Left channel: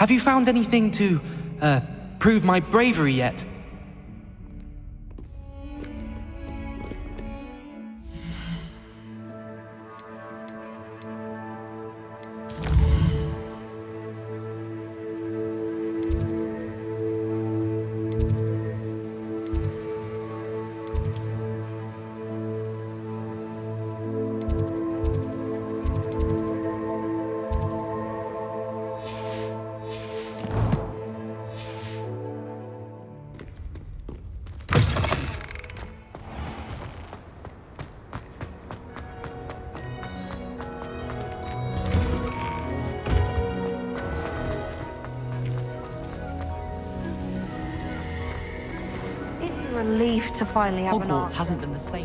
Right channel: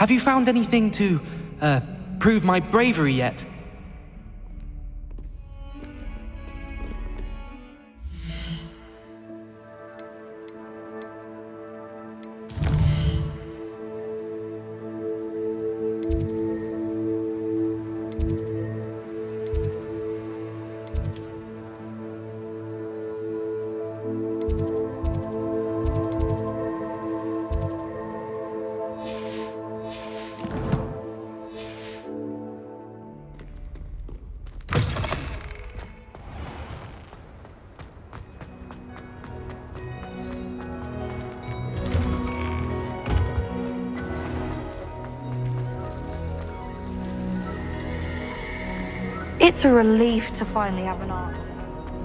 Have you found anything to, prove my bravery yet? It's a relief to finally have an Hogwarts answer. hasn't been the same.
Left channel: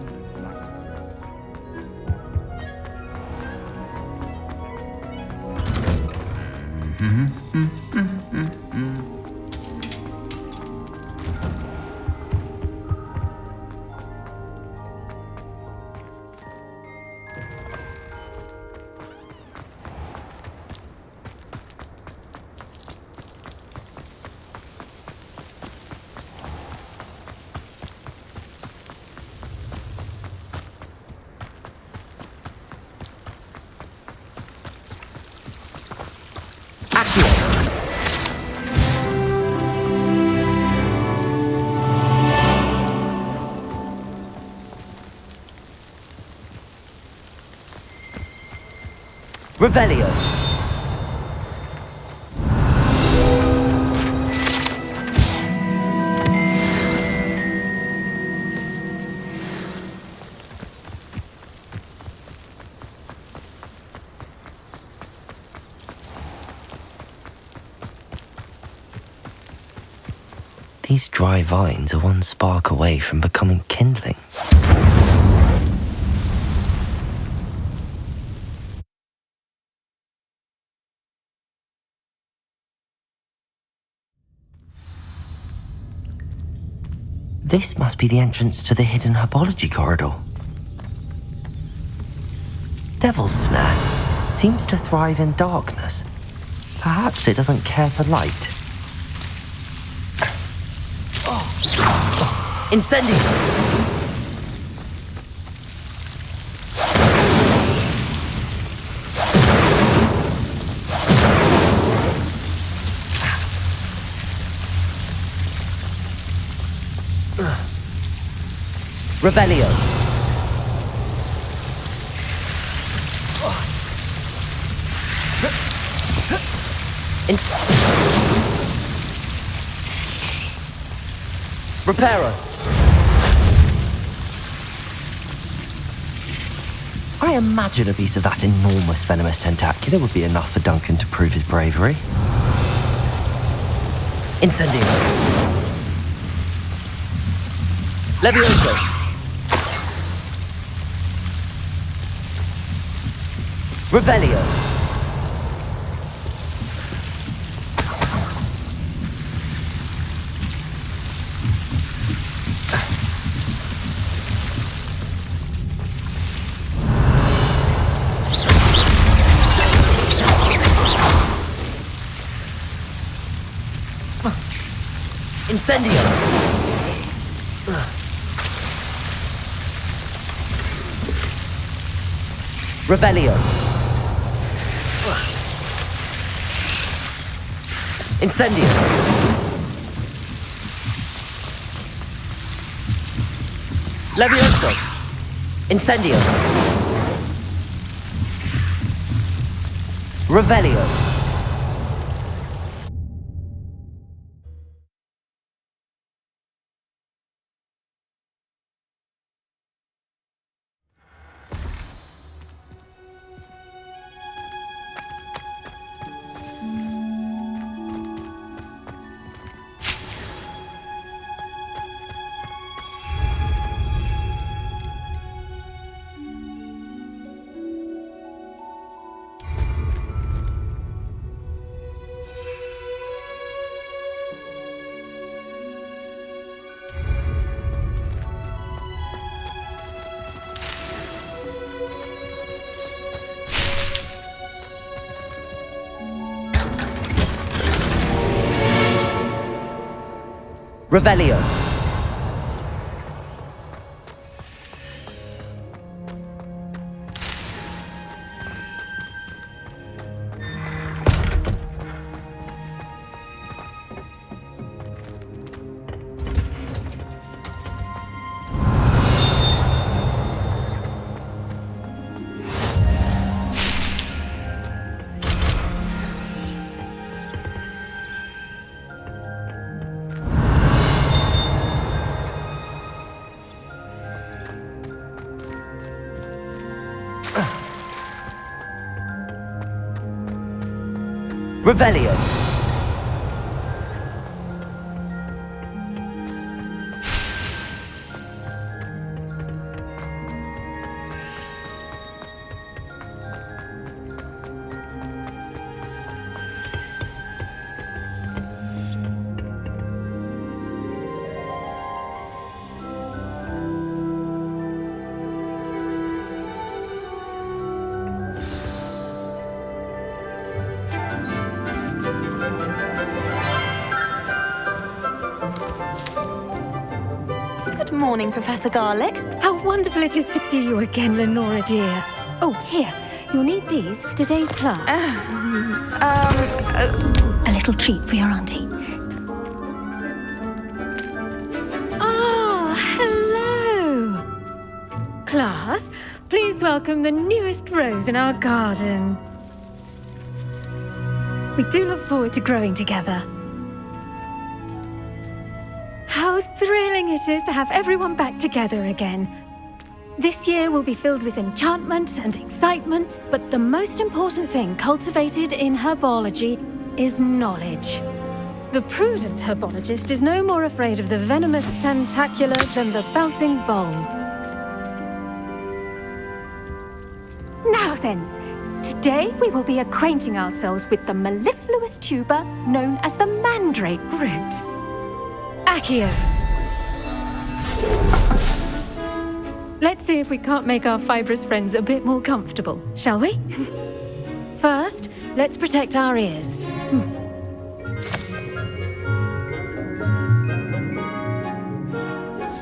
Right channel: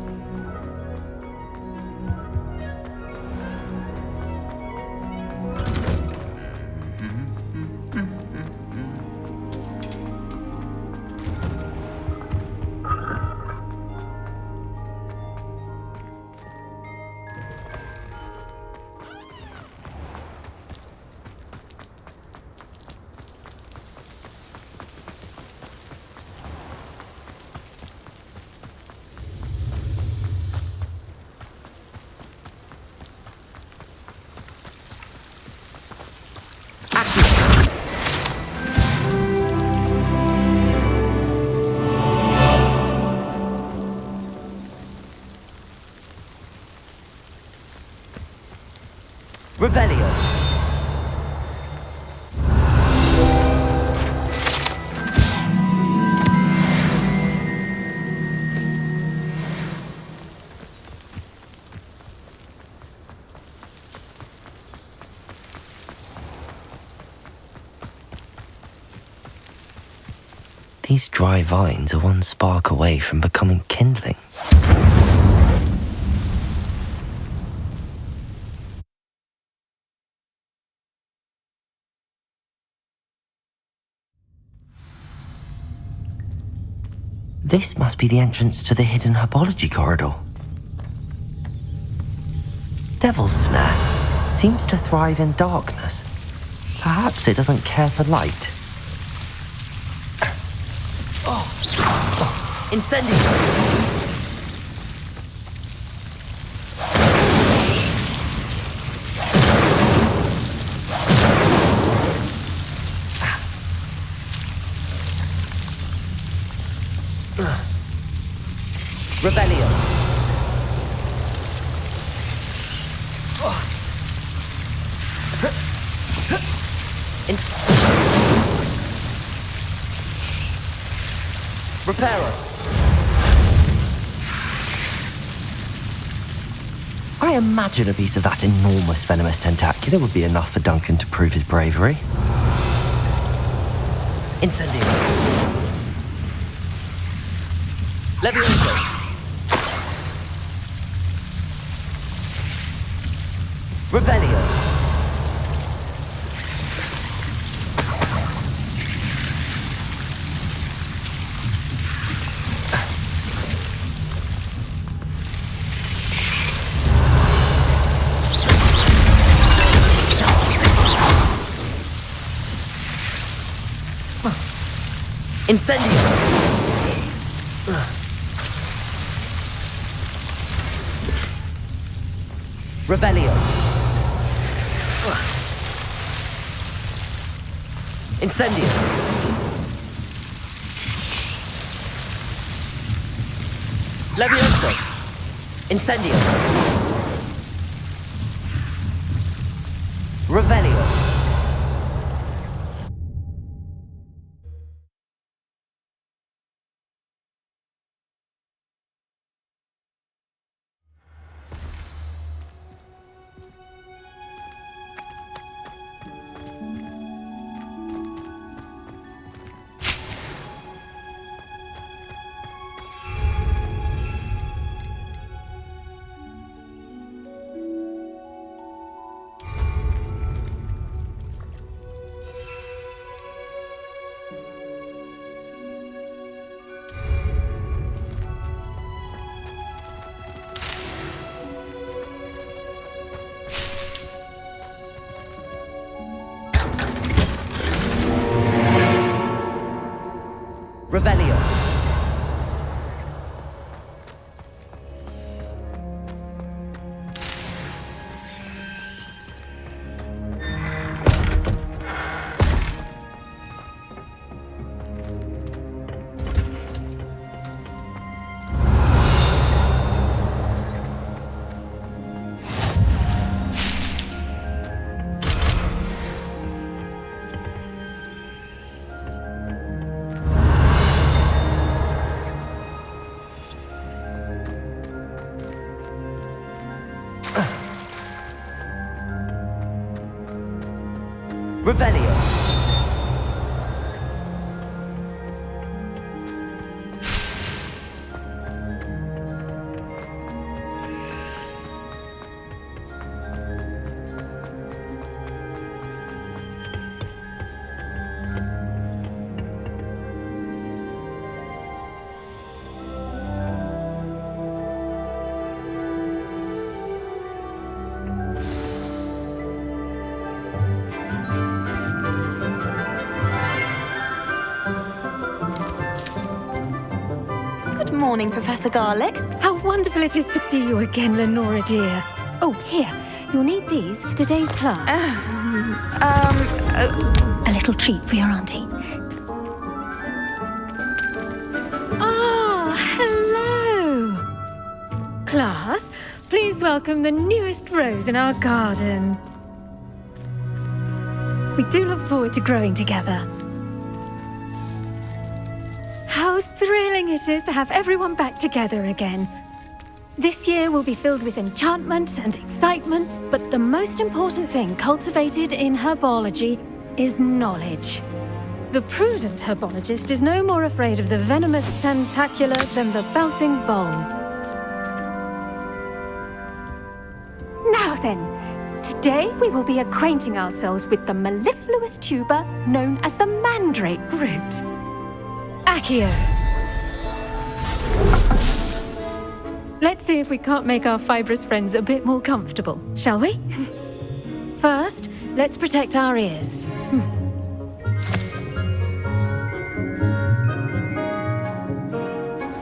Revelio. These dry vines are one spark away from becoming kindling. This must be the entrance to the hidden Herbology corridor. Devil's Snare seems to thrive in darkness. Perhaps it doesn't care for light. Incendio! Revelio. Reparo. I imagine a piece of that enormous venomous tentacular would be enough for Duncan to prove his bravery. Incendio. Levioso. Revelio. Incendio. Revelio. Incendio. Levioso. Incendio. Revelio. Revelio. Revelio. Good morning, Professor Garlic. How wonderful it is to see you again, Lenora dear. Oh, here. You'll need these for today's class. A little treat for your auntie. Ah, hello. Class, please welcome the newest rose in our garden. We do look forward to growing together. How thrilling it is to have everyone back together again. This year will be filled with enchantment and excitement, but the most important thing cultivated in herbology is knowledge. The prudent herbologist is no more afraid of the venomous tentacula than the bouncing bulb. Now then, today we will be acquainting ourselves with the mellifluous tuber known as the mandrake root. Accio. Let's see if we can't make our fibrous friends a bit more comfortable, shall we? First, let's protect our ears.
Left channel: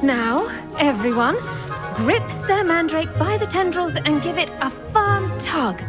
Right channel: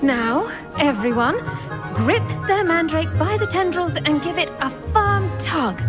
Now, everyone, grip their mandrake by the tendrils and give it a firm tug.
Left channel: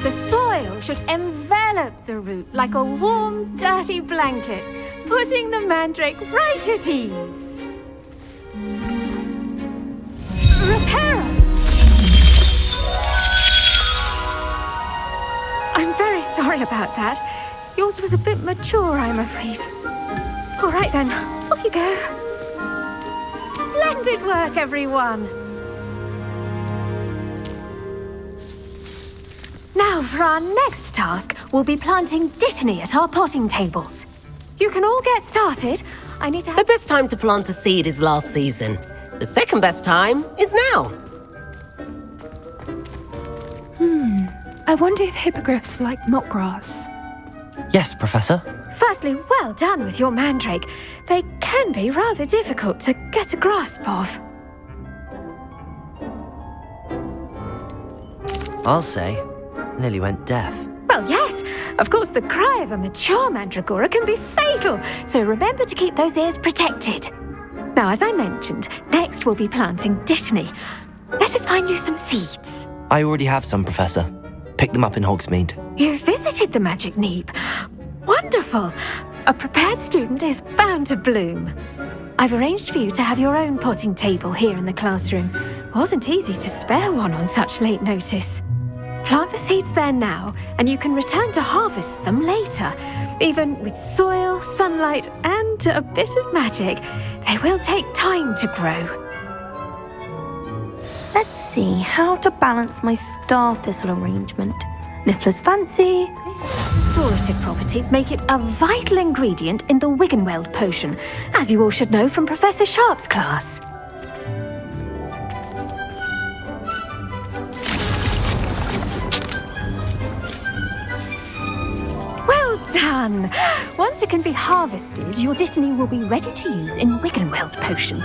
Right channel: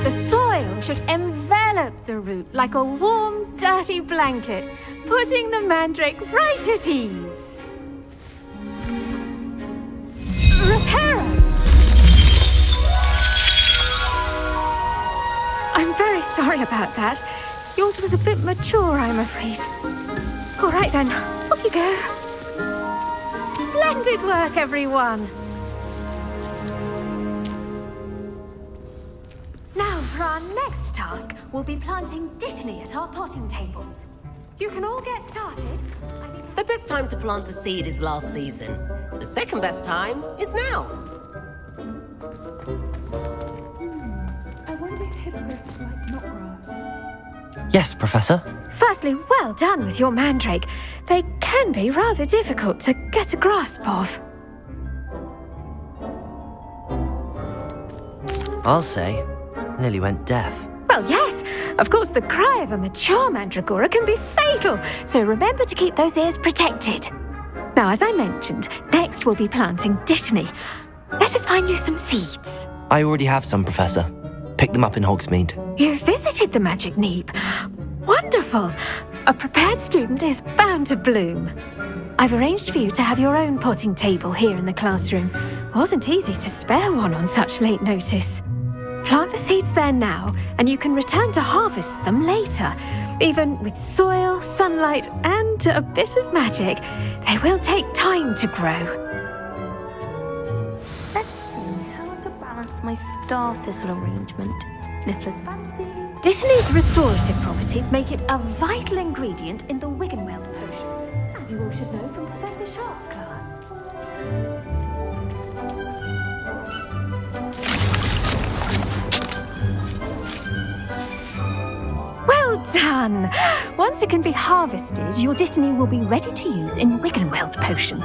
The soil should envelop the root like a warm, dirty blanket, putting the mandrake right at ease. Reparo! I'm very sorry about that. Yours was a bit mature, I'm afraid. All right then, off you go. Splendid work, everyone. Now, for our next task, we'll be planting dittany at our potting tables. You can all get started. I need to The best time to plant a seed is last season. The second best time is now. I wonder if hippogriffs like knotgrass. Yes, Professor. Firstly, well done with your mandrake. They can be rather difficult to get a grasp of. I'll say. Nearly went deaf. Well, yes. Of course, the cry of a mature mandragora can be fatal, so remember to keep those ears protected. Now, as I mentioned, next we'll be planting dittany. Let us find you some seeds. I already have some, Professor. Picked them up in Hogsmeade. You visited the Magic Neep. Wonderful. A prepared student is bound to bloom. I've arranged for you to have your own potting table here in the classroom. Wasn't easy to spare one on such late notice. Plant the seeds there now, and you can return to harvest them later. Even with soil, sunlight, and a bit of magic, they will take time to grow. Let's see how to balance my star thistle arrangement. Niffler's fancy. Dittany's restorative properties make it a vital ingredient in the Wiggenweld potion, as you all should know from Professor Sharp's class. Well done! Once it can be harvested, your Dittany will be ready to use in Wiggenweld potion.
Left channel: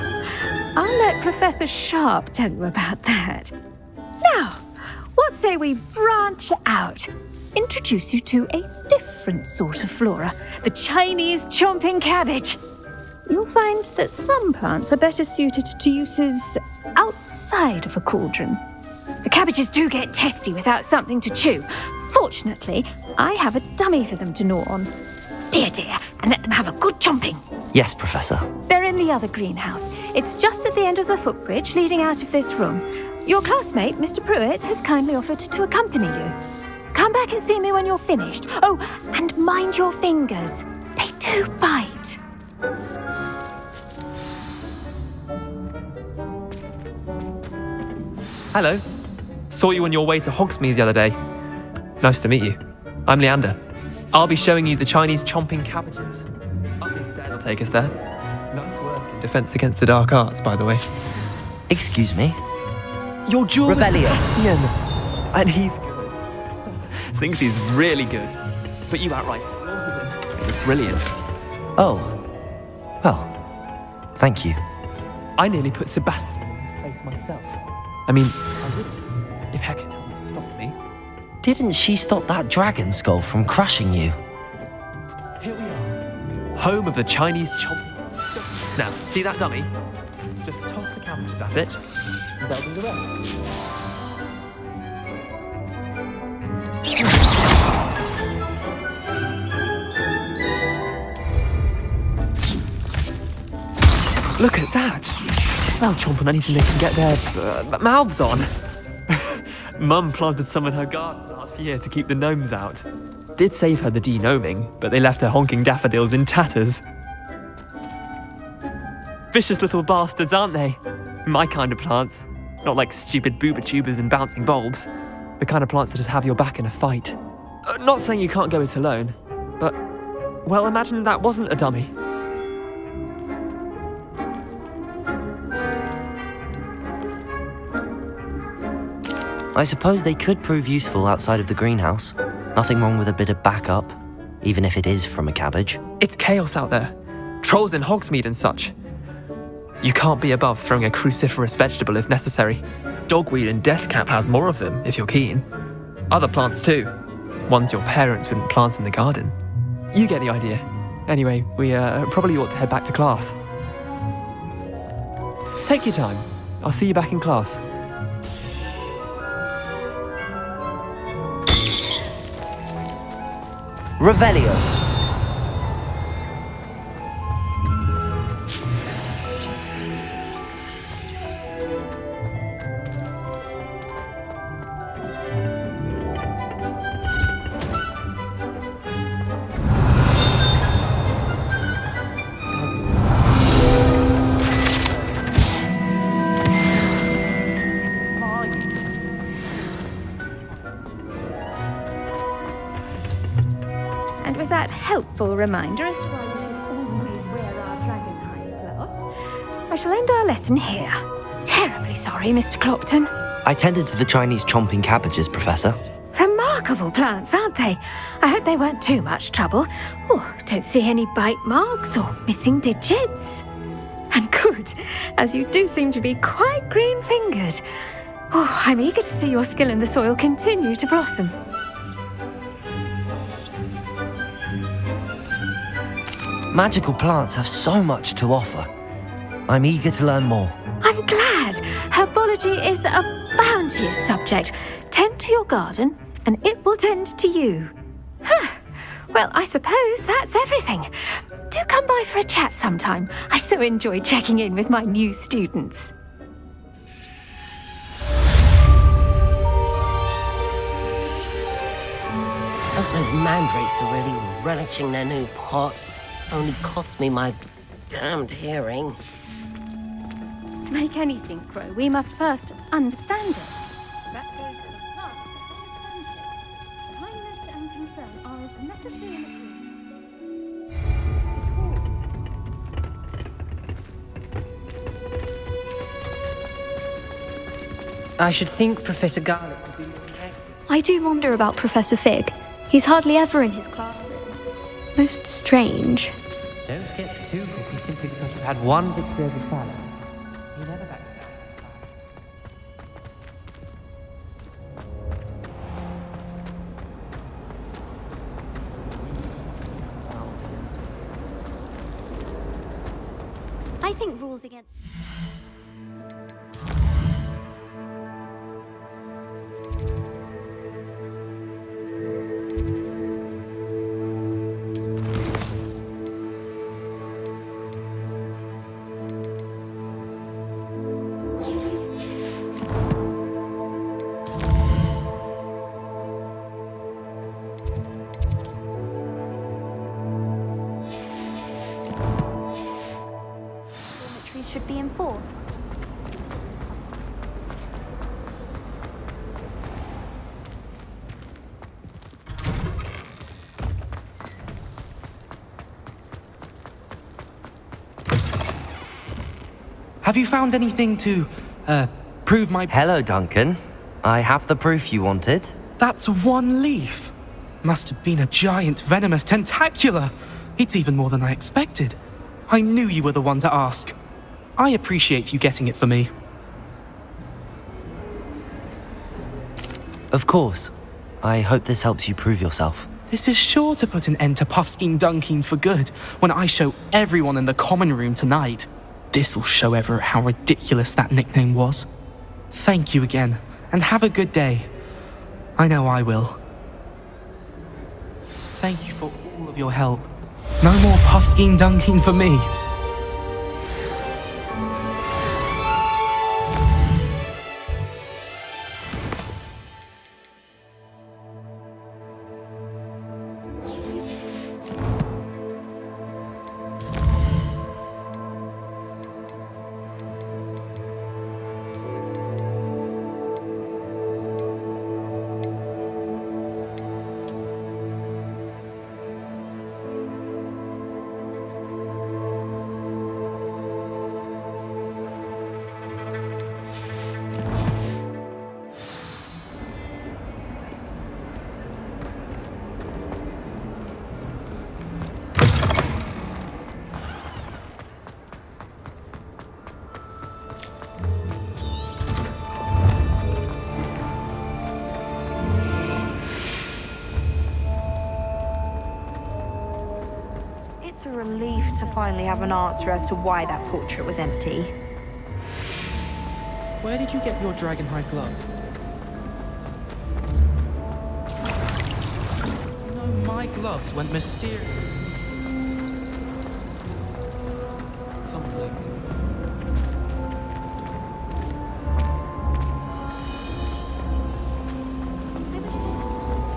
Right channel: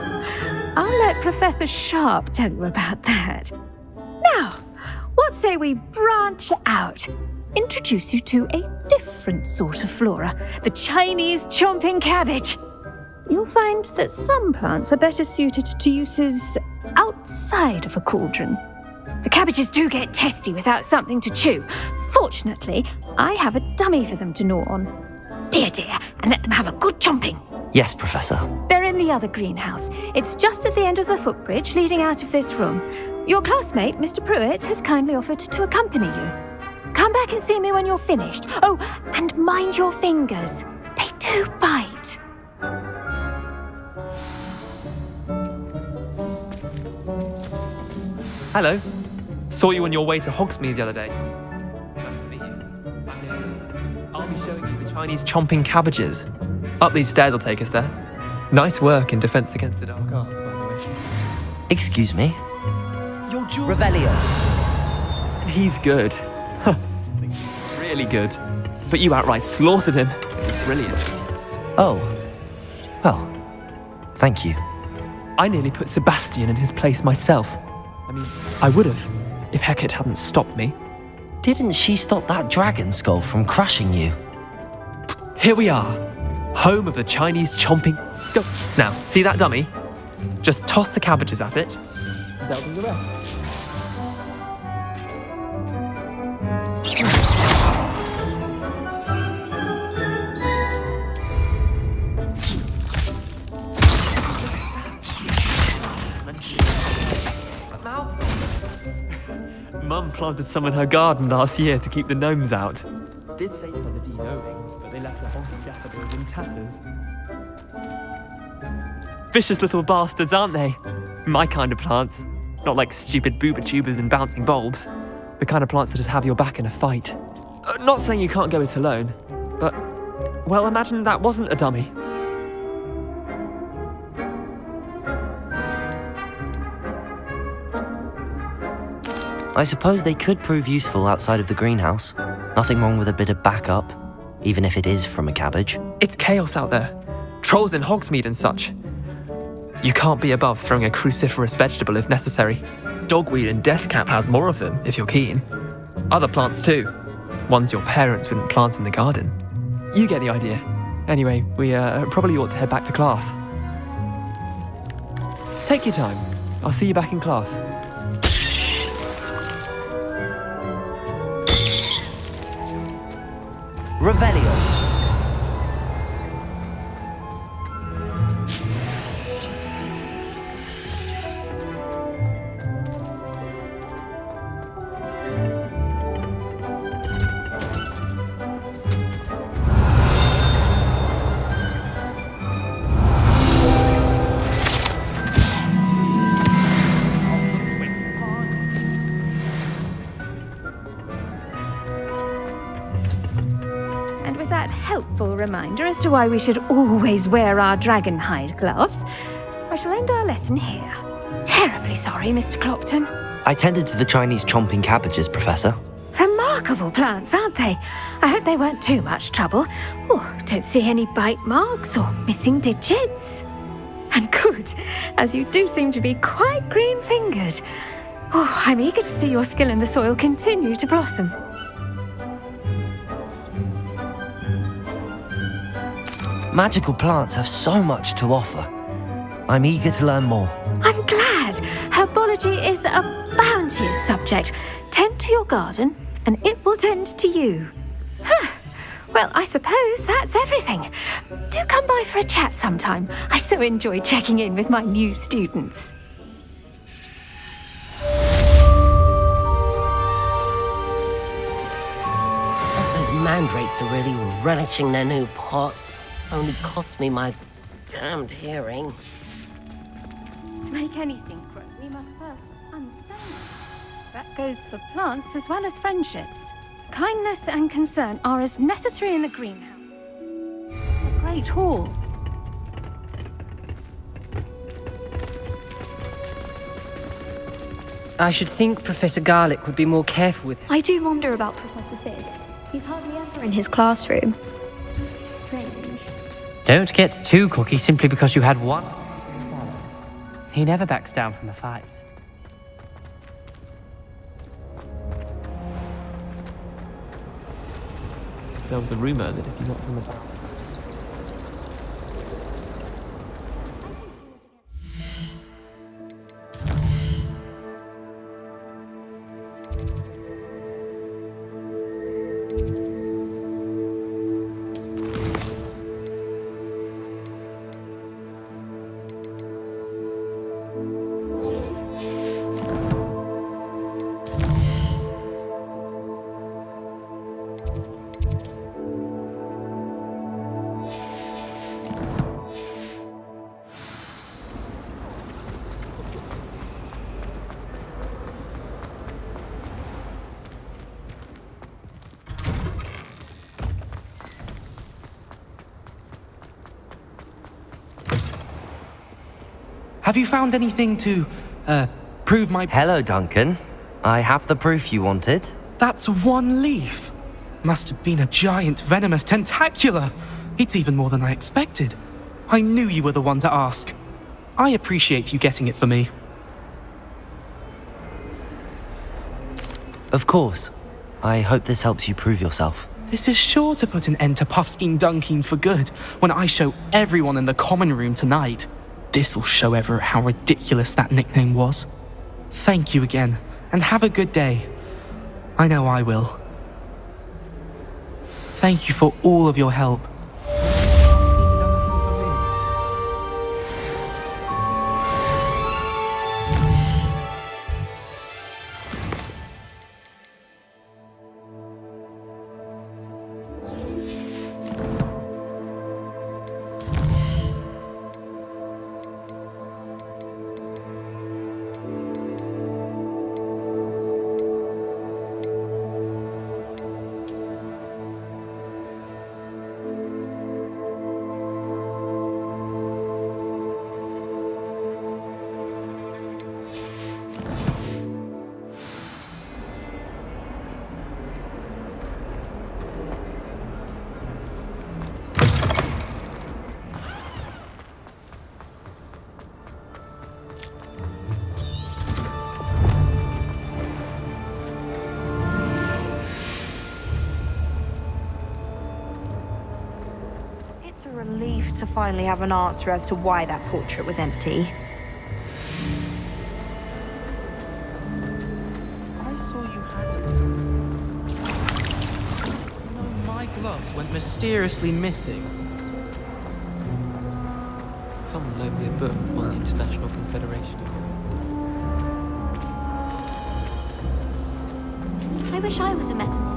I'll let Professor Sharp tell you about that. Now, what say we branch out? Introduce you to a different sort of flora, the Chinese chomping cabbage. You'll find that some plants are better suited to uses outside of a cauldron. The cabbages do get testy without something to chew. Fortunately, I have a dummy for them to gnaw on. Be a dear and let them have a good chomping. Yes, Professor. They're in the other greenhouse. It's just at the end of the footbridge leading out of this room. Your classmate, Mr. Pruitt, has kindly offered to accompany you. Come back and see me when you're finished. Oh, and mind your fingers. They do bite. Hello. Saw you on your way to Hogsmeade the other day. Nice to meet you. I'm Leander. I'll be showing you the Chinese chomping cabbages. Up these stairs will take us there. Nice work in defense against the dark arts, by the way. Excuse me? Your jewel Revelio. And he's good. Thinks he's really good. But you outright slaughtered him. It was brilliant. Oh. Well, thank you. I nearly put Sebastian in his place myself. I mean, I would have, if Hecate hadn't stopped me. Didn't she stop that dragon skull from crushing you? Here we are. Home of the Chinese chomping... Go. Now, see that dummy? Just toss the cabbages at it. And they'll do the rest. Look at that. They'll chomp on anything they can get their mouths on. Mum planted some in her garden last year to keep the gnomes out. Did save her the de-gnoming, but they left her honking daffodils in tatters. Vicious little bastards, aren't they? My kind of plants. Not like stupid booba tubers and bouncing bulbs. The kind of plants that just have your back in a fight. Not saying you can't go it alone, but, well, imagine that wasn't a dummy. I suppose they could prove useful outside of the greenhouse. Nothing wrong with a bit of backup, even if it is from a cabbage. It's chaos out there. Trolls in Hogsmeade and such. You can't be above throwing a cruciferous vegetable if necessary. Dogweed and deathcap has more of them, if you're keen. Other plants too. Ones your parents wouldn't plant in the garden. You get the idea. Anyway, we probably ought to head back to class. Take your time. I'll see you back in class. Revelio. And with that helpful reminder as to why we should always wear our dragon hide gloves, I shall end our lesson here. Terribly sorry, Mr. Clopton. I tended to the Chinese chomping cabbages, Professor. Remarkable plants, aren't they? I hope they weren't too much trouble. Oh, don't see any bite marks or missing digits. And good, as you do seem to be quite green-fingered. Oh, I'm eager to see your skill in the soil continue to blossom. Magical plants have so much to offer. I'm eager to learn more. I'm glad. Herbology is a bounteous subject. Tend to your garden, and it will tend to you. Well, I suppose that's everything. Do come by for a chat sometime. I so enjoy checking in with my new students. I hope those mandrakes are really relishing their new pots. Only cost me my damned hearing. To make anything grow, we must first understand it. That goes for plants as well as friendships. Kindness and concern are as necessary in the greenhouse. Great hall. I should think Professor Garlick would be more careful with... I do wonder about Professor Fig. He's hardly ever in his classroom. Most strange. Don't get too cocky simply because you had one good field of talent. He never backs down from a fight. There was a rumor. I think rules against... should be enforced. Have you found anything to, prove my... Hello, Duncan. I have the proof you wanted. That's one leaf. Must have been a giant venomous tentacula. It's even more than I expected. I knew you were the one to ask. I appreciate you getting it for me. Of course. I hope this helps you prove yourself. This is sure to put an end to Puffskein Dunkeen for good when I show everyone in the common room tonight. This'll show Everett how ridiculous that nickname was. Thank you again, and have a good day. I know I will. Thank you for all of your help. No more Puffskein Dunkeen for me. It's a relief to finally have an answer as to why that portrait was empty. Where did you get your dragonhide gloves? You know, my gloves went mysteriously missing. Someone loaned me a book on the International Confederation. I wish I was a metal maker.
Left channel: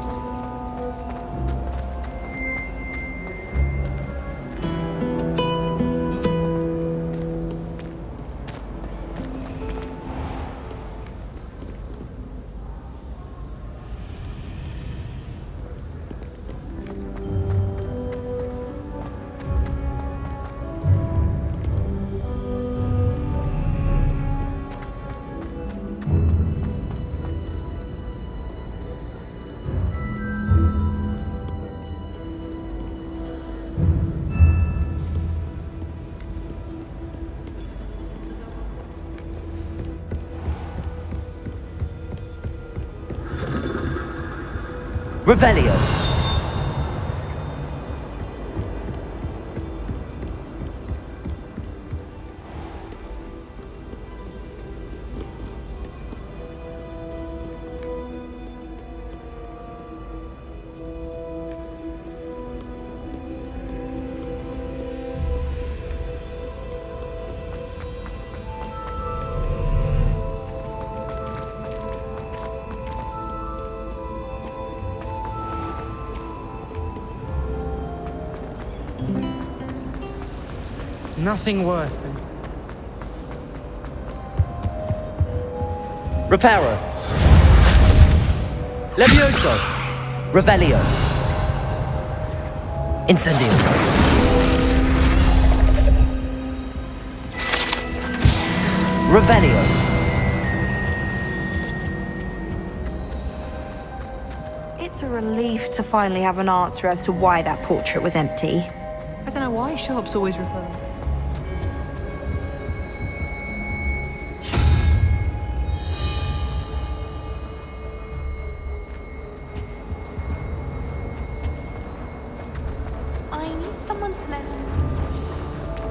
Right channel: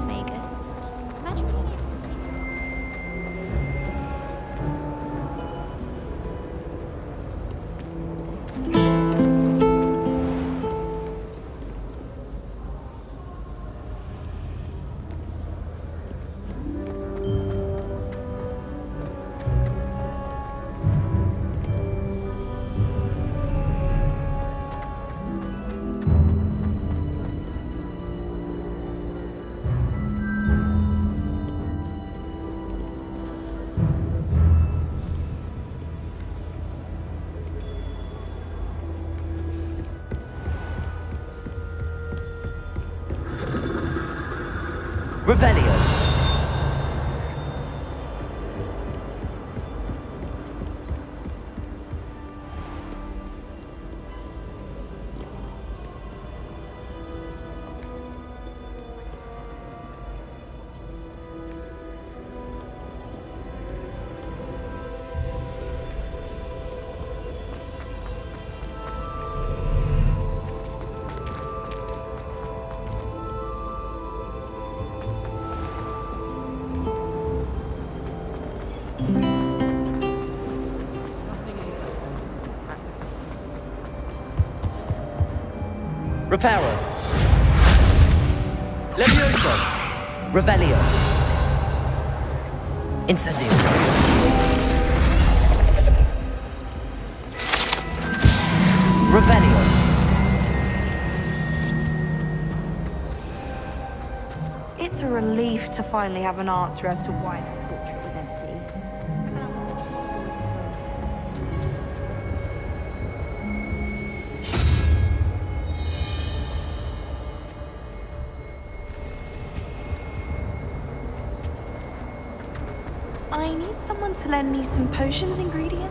Revelio. Nothing worth it. Reparo. Levioso. Revelio. Incendio. Revelio. It's a relief to finally have an answer as to why that portrait was empty. I don't know why shops always refer. I need someone to lend me some potions ingredients.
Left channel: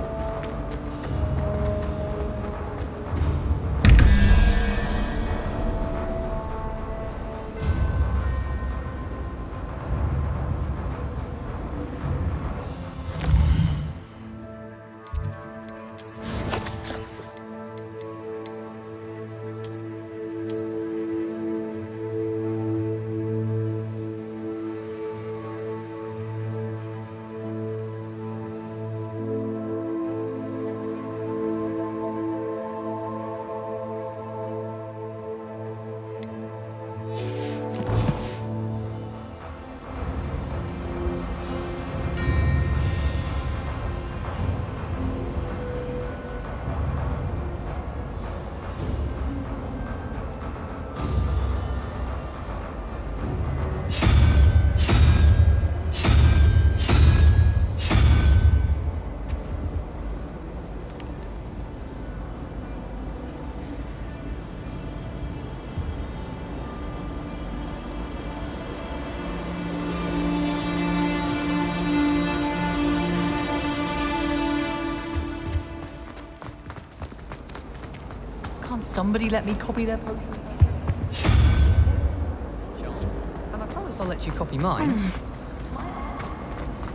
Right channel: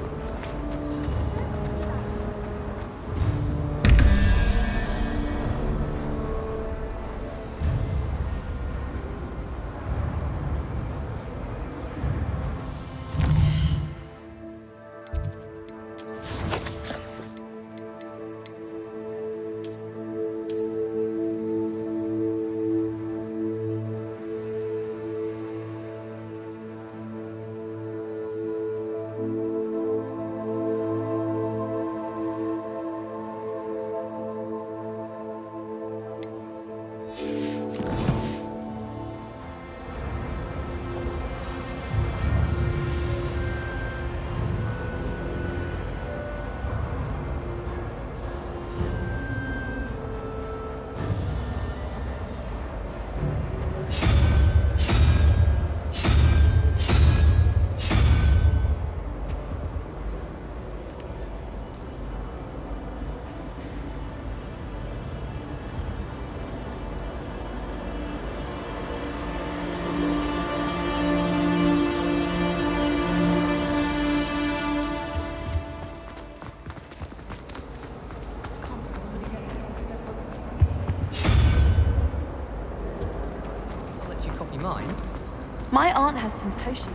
Somebody let me copy their Pokemon. And I promise I'll let you copy mine. My aunt has some potions.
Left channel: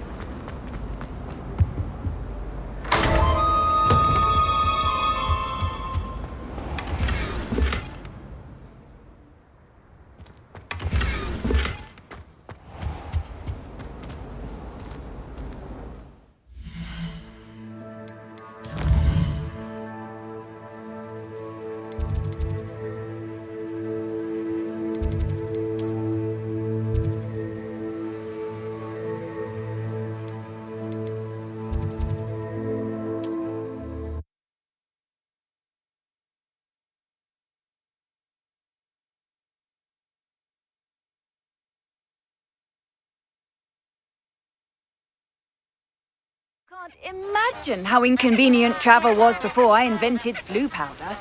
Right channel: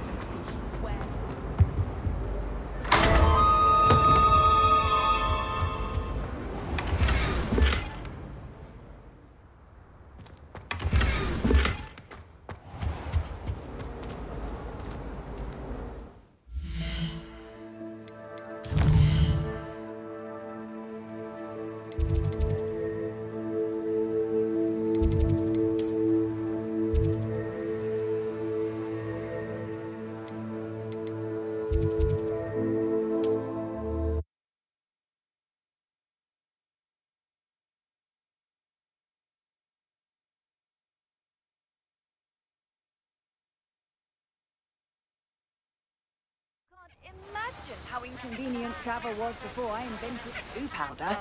Can't imagine how inconvenient travel was before I invented flu powder.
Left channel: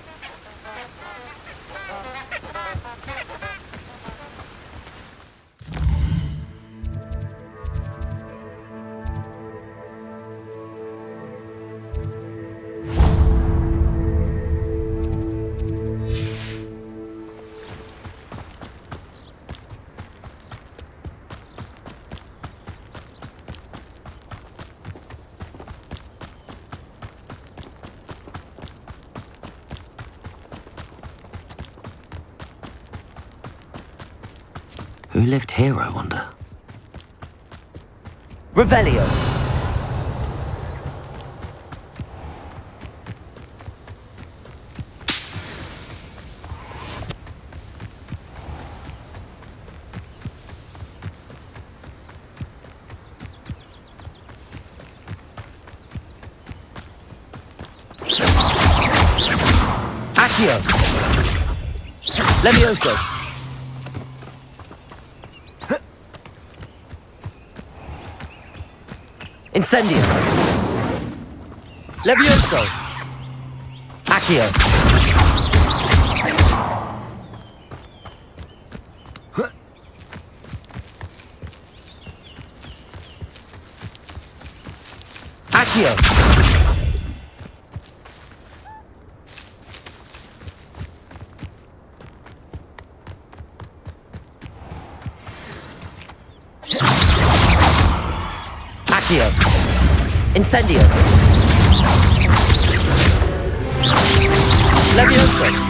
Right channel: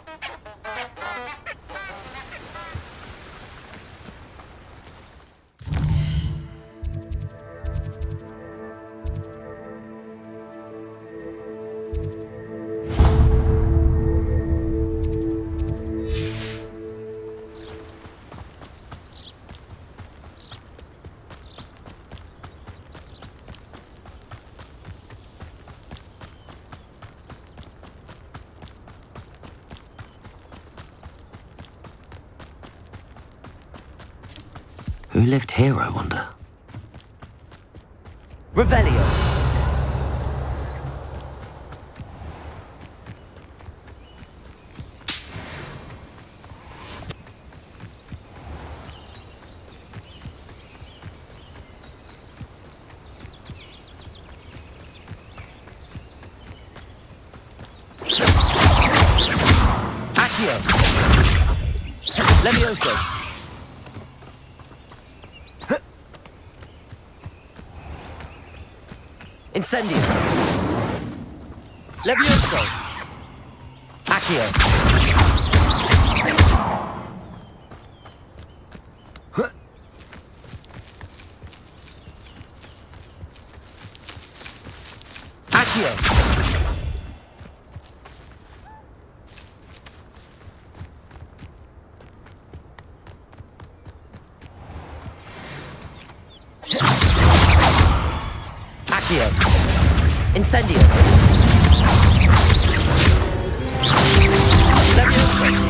Who lived here, I wonder? Revelio! Accio! Levioso! Incendio! Levioso! Accio! Accio! Accio! Incendio! Levioso!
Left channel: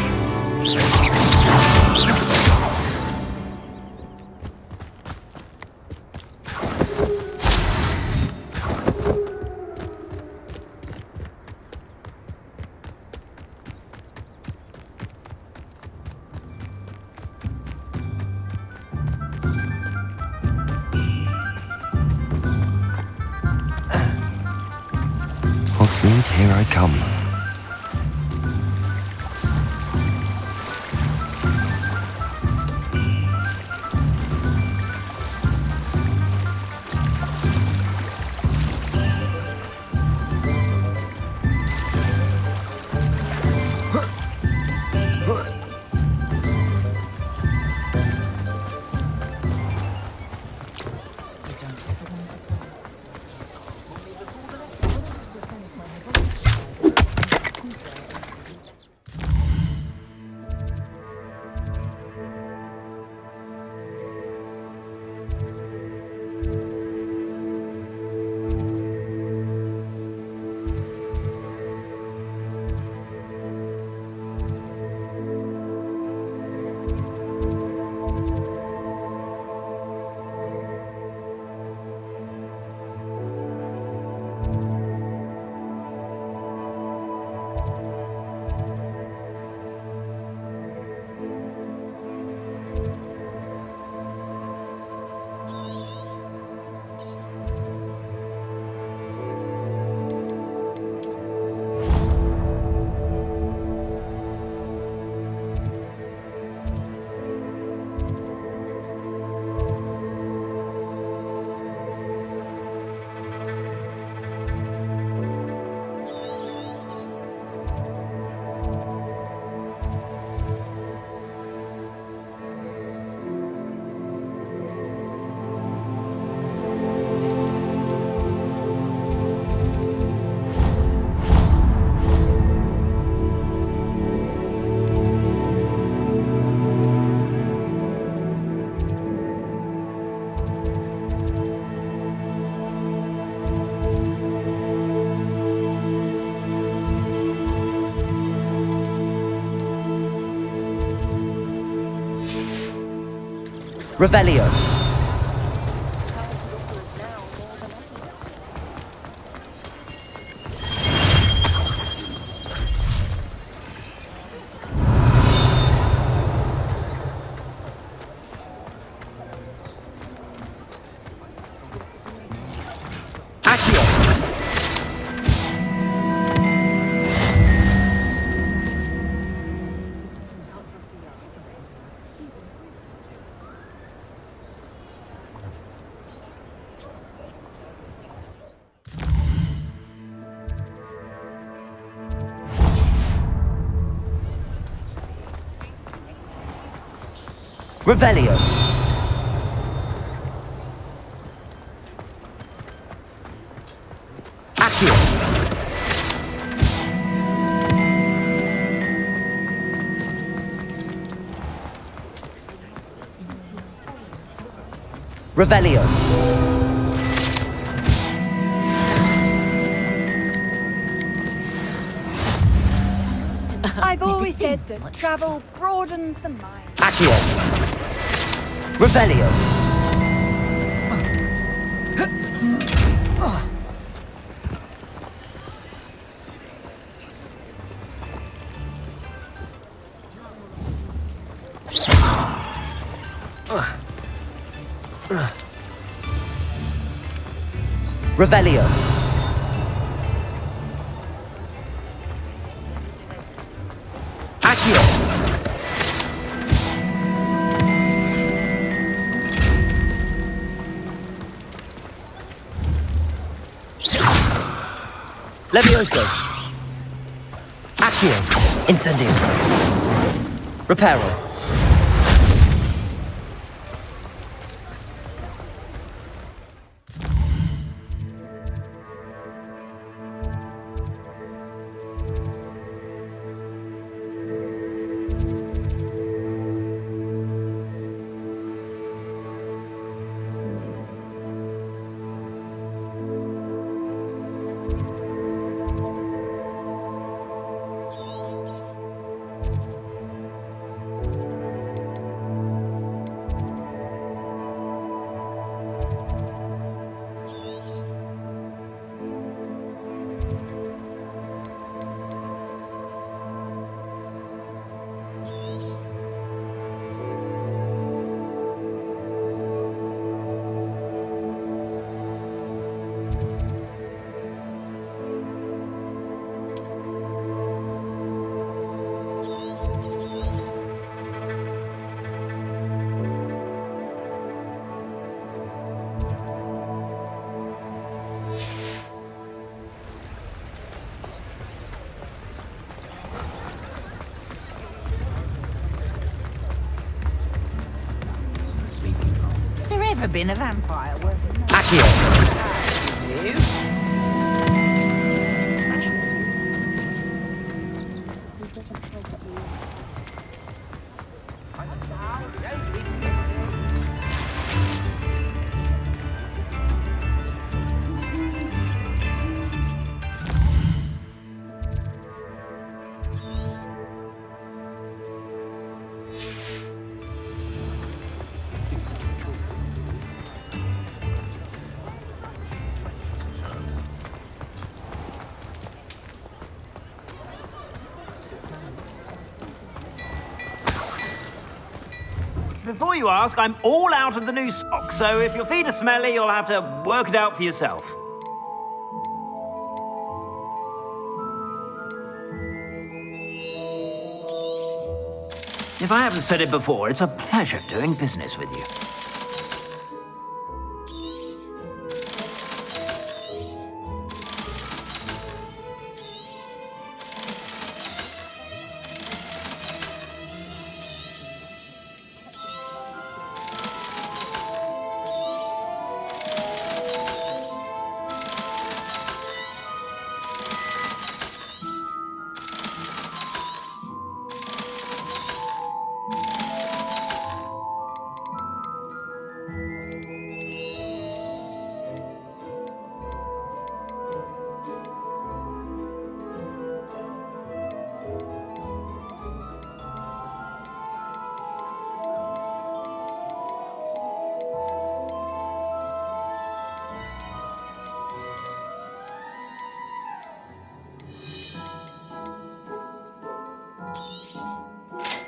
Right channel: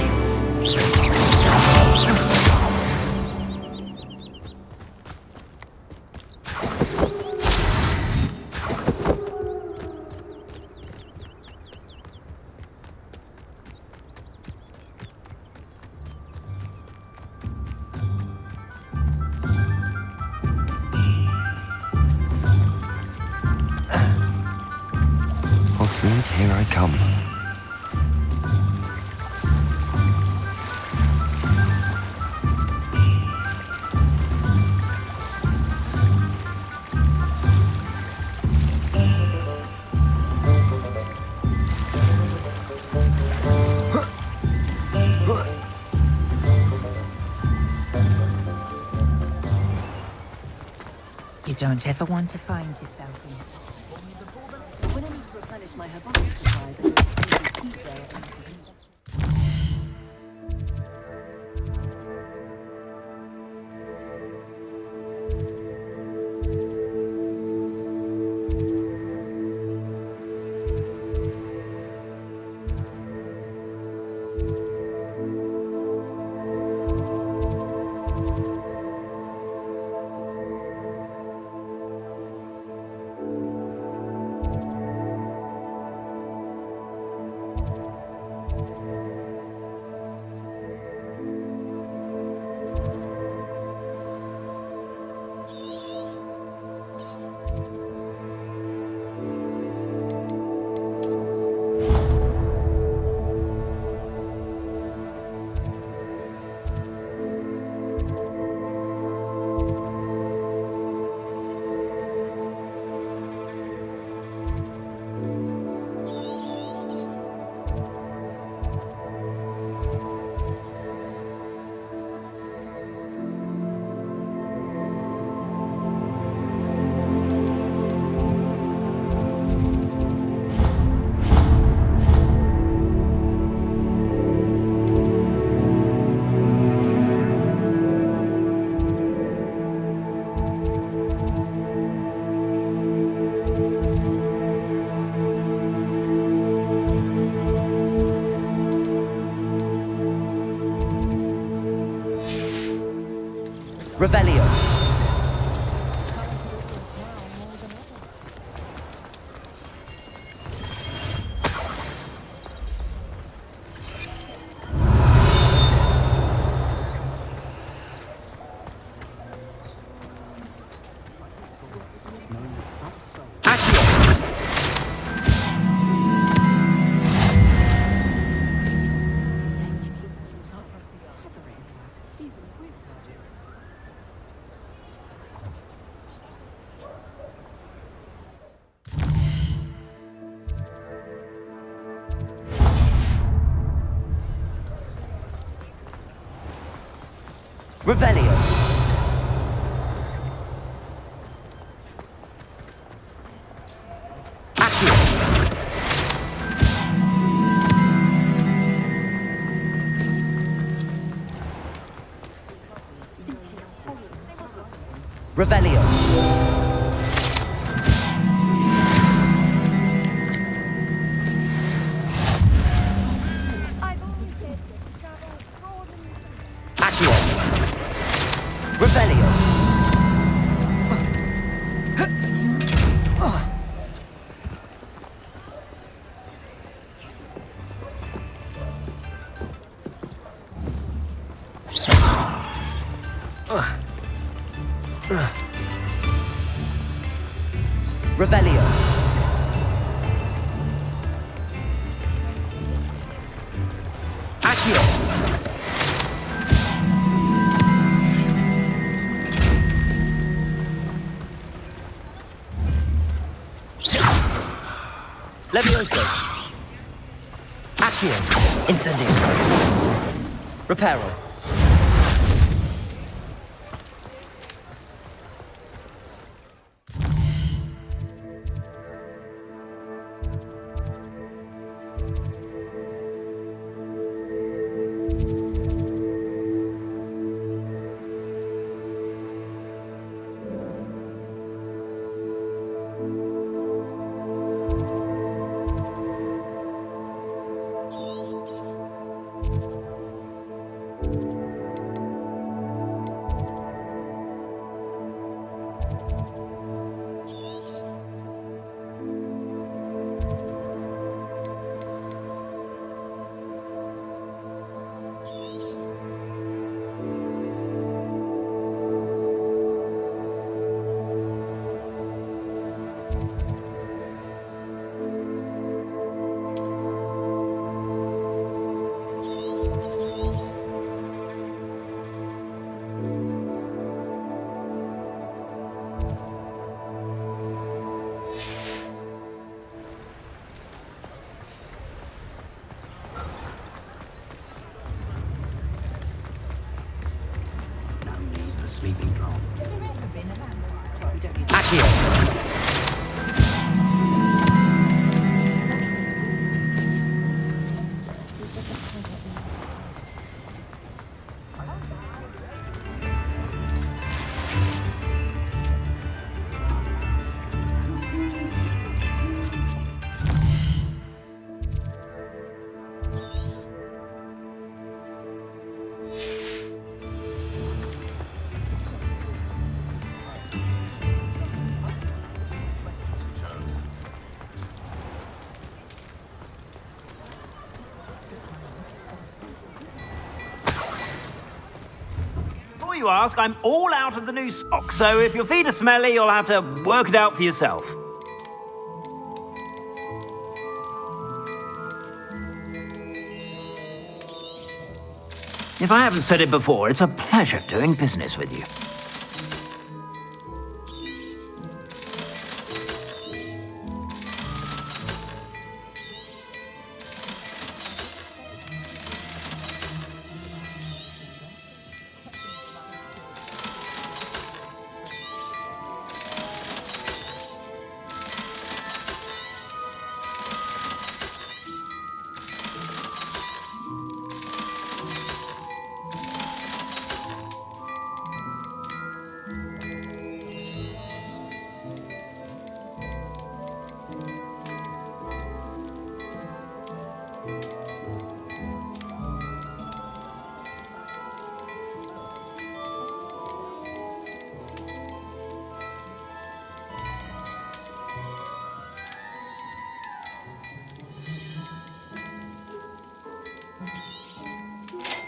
And here I come. You don't ever want to find yourself in when I need to replenish my herbology supplies, Revelio. Revelio. Accio. Revelio. I've always said that travel broadens the mind. Accio. Revelio. Revelio. Accio. Levioso. Accio. Incendio. Reparo. Accio. Before you ask, I'm all out of the new stock, so if your feet are smelly, you'll have to work it out for yourself. If I haven't said it before, it's a pleasure doing business with you.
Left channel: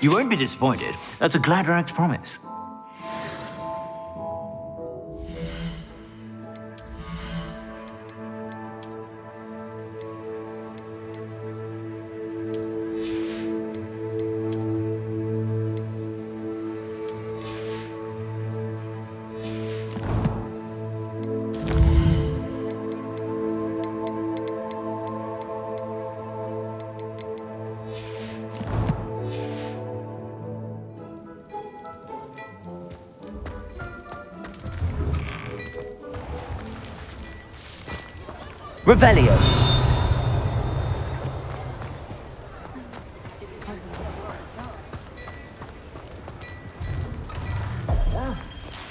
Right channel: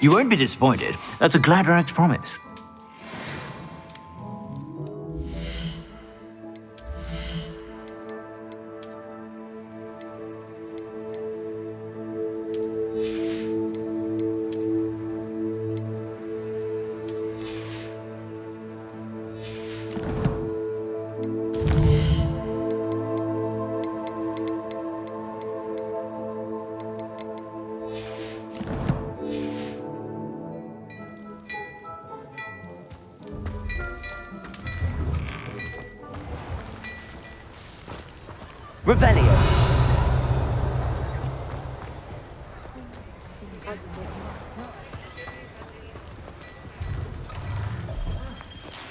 You won't be disappointed. That's a Gladrax promise. Revelio.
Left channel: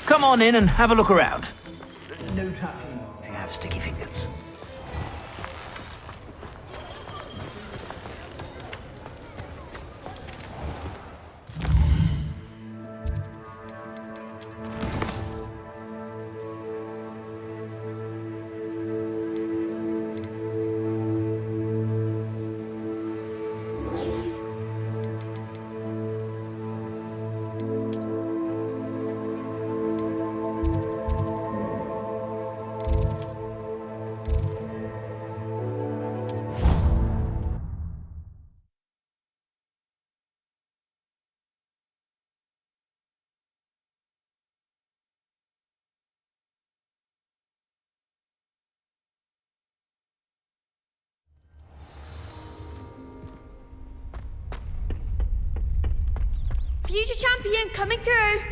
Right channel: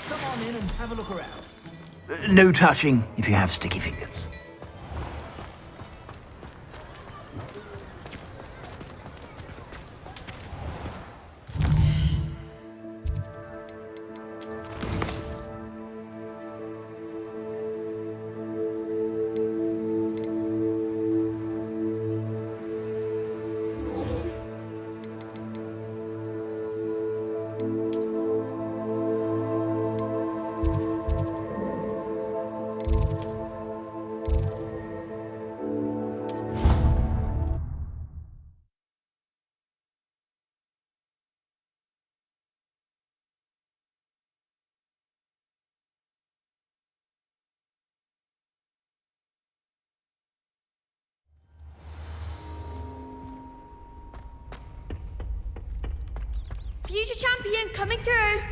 Come on in and have a look around. No touching if you have sticky fingers. Future champion coming through.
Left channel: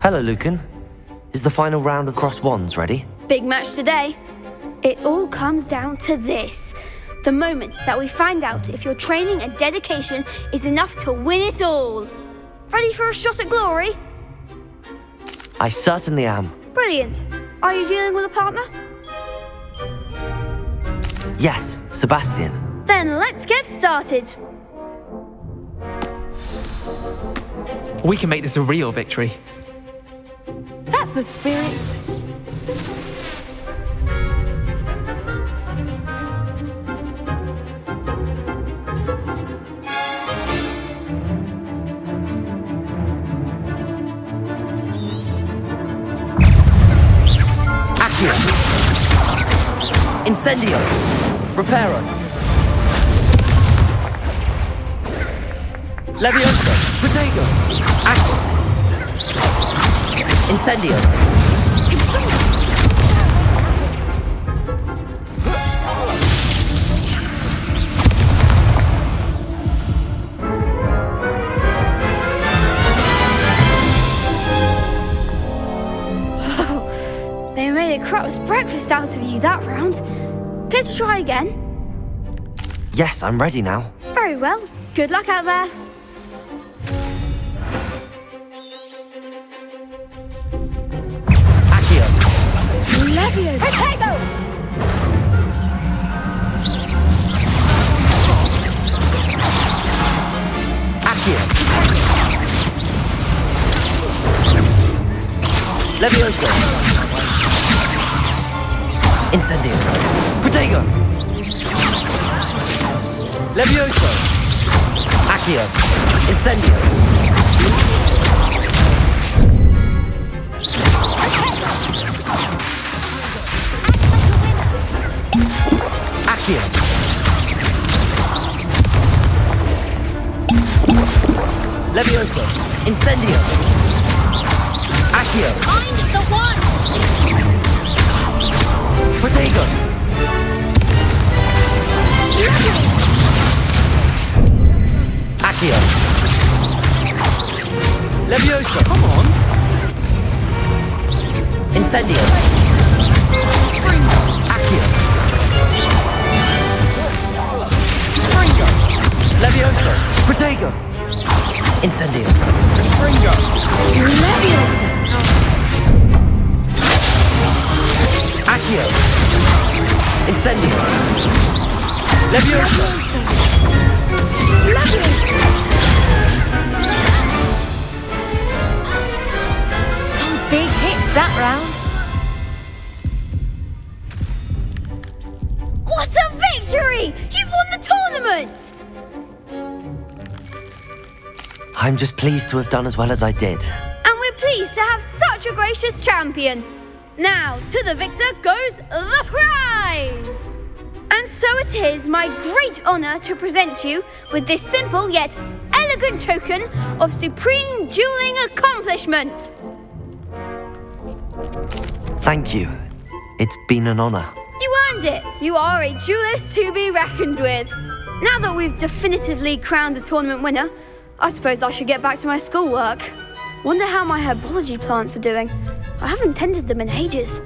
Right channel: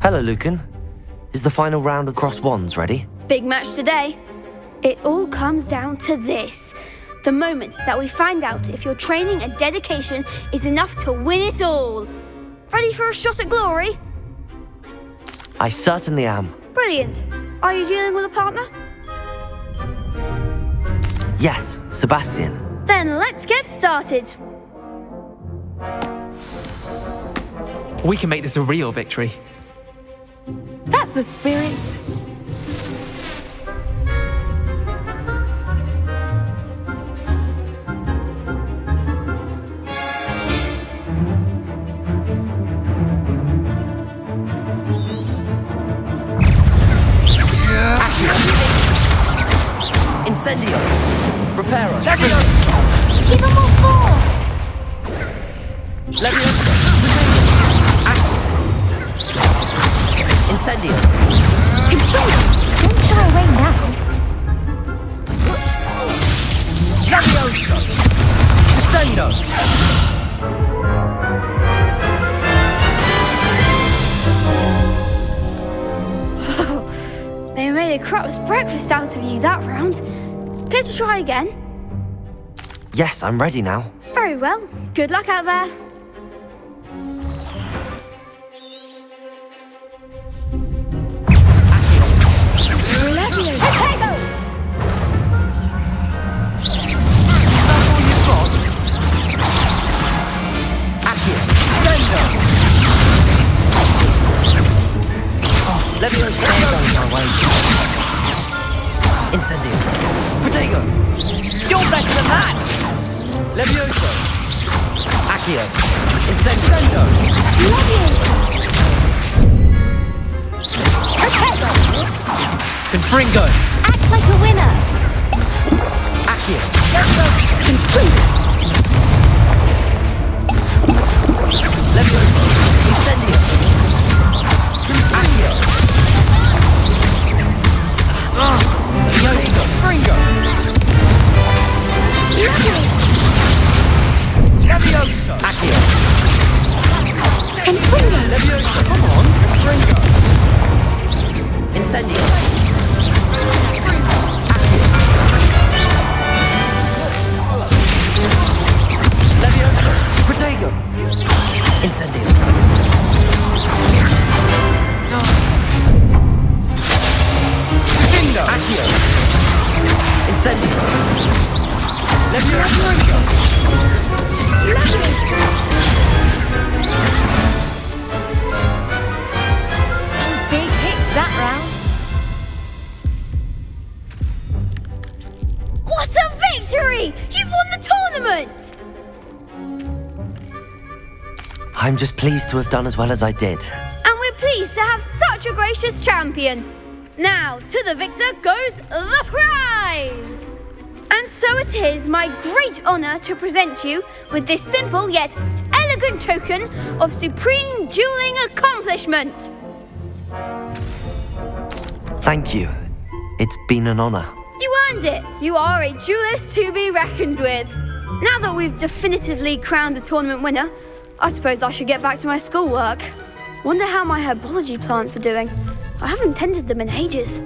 Hello, Lucan. Is the final round of Cross Wands ready? Big match today. It all comes down to this. The moment that we find out if your training and dedication is enough to win it all. Ready for a shot at glory? I certainly am. Brilliant. Are you dealing with a partner? Yes, Sebastian. Then let's get started. We can make this a real victory. That's the spirit. Accio. Incendio. Reparo. Leviosa. Potato. Incendio. a crap's breakfast out of you that round. Care to try again? Yes, I'm ready now. Very well. Good luck out there. Accio. Leviosa. Potato! Accio. Leviosa. Incendio. Protego. You're better than that! Levioso. Accio. Incendio. Confringo. Act like a winner. Accio. Levioso. Incendio. Accio. Protego. Accio. Levioso. Come on. Incendio. Accio. Levioso. Protego. Incendio. Accio. Incendio. Levioso. Some big hits that round. What a victory! You've won the tournament! I'm just pleased to have done as well as I did. And we're pleased to have such a gracious champion. Now, to the victor goes the prize! And so it is my great honour to present you with this simple yet elegant token of supreme dueling accomplishment. Thank you. It's been an honour. You earned it. You are a duelist to be reckoned with. Now that we've definitively crowned the tournament winner, I suppose I should get back to my schoolwork. Wonder how my herbology plants are doing. I haven't tended them in ages.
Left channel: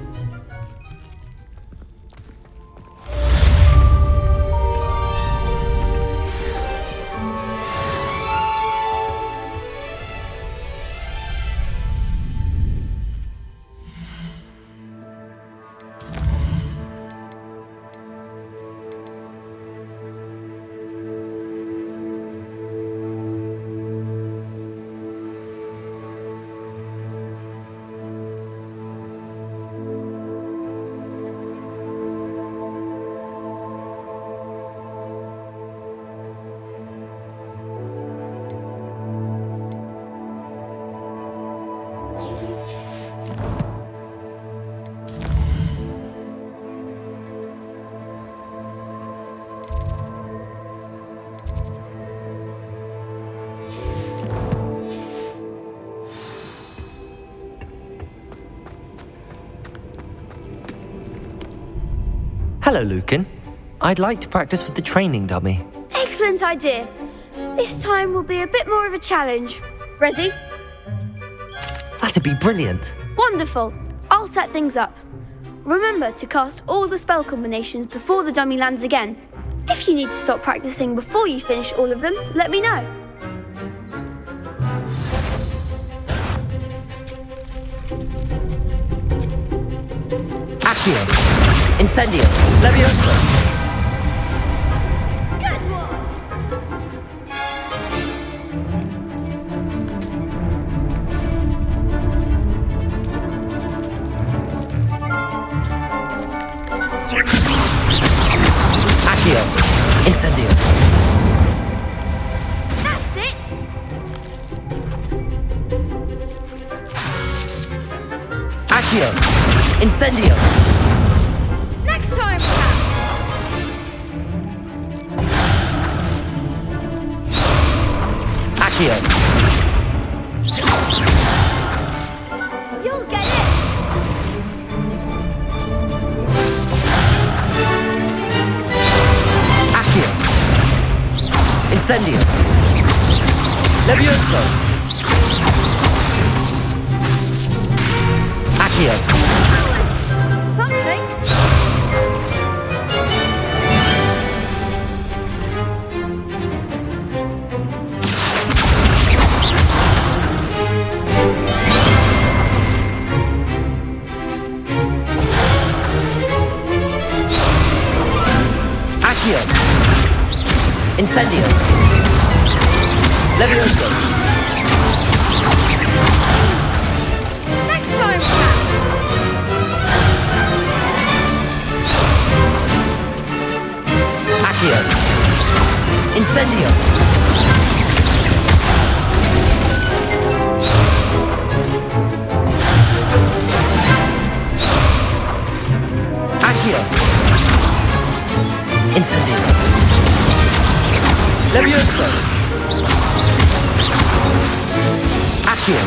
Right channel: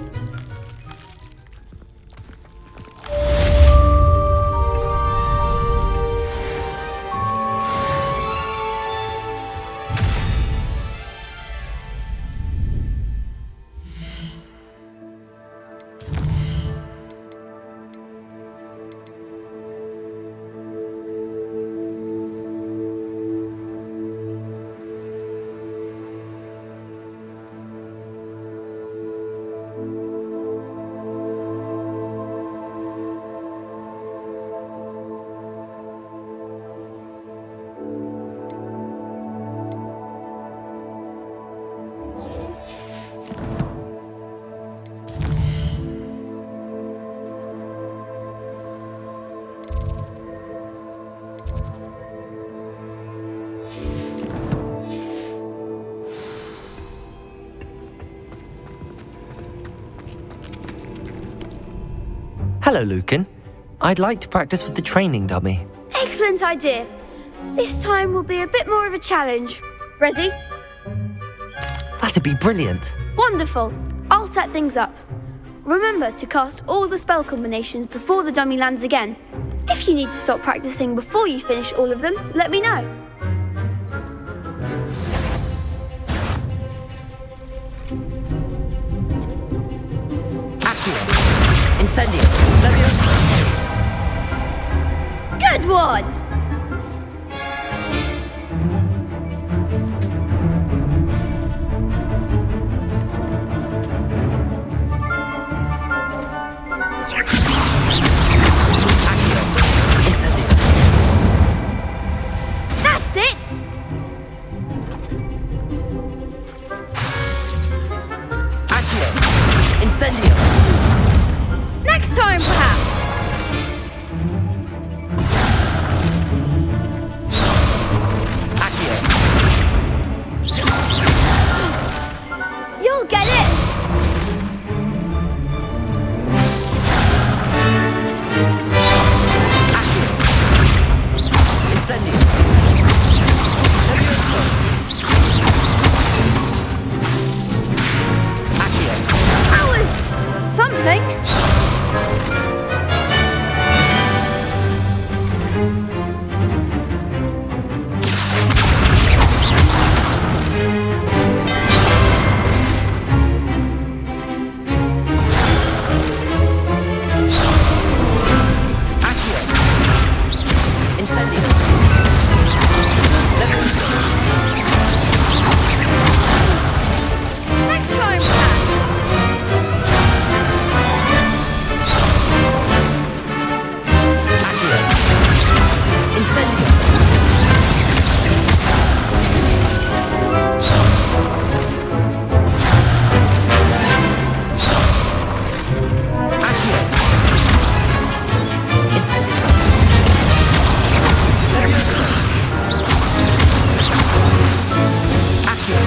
Hello, Lucan. I'd like to practice with the training dummy. Excellent idea. This time will be a bit more of a challenge. Ready? That'd be brilliant. Wonderful. I'll set things up. Remember to cast all the spell combinations before the dummy lands again. If you need to stop practicing before you finish all of them, let me know. Accio. Incendio. Levioso. Good one! Accio. Incendio. That's it! Accio. Incendio. Next time, perhaps! Accio. You'll get it! Accio. Incendio. Levioso. Accio. That was Incendio. Levioso. Accio.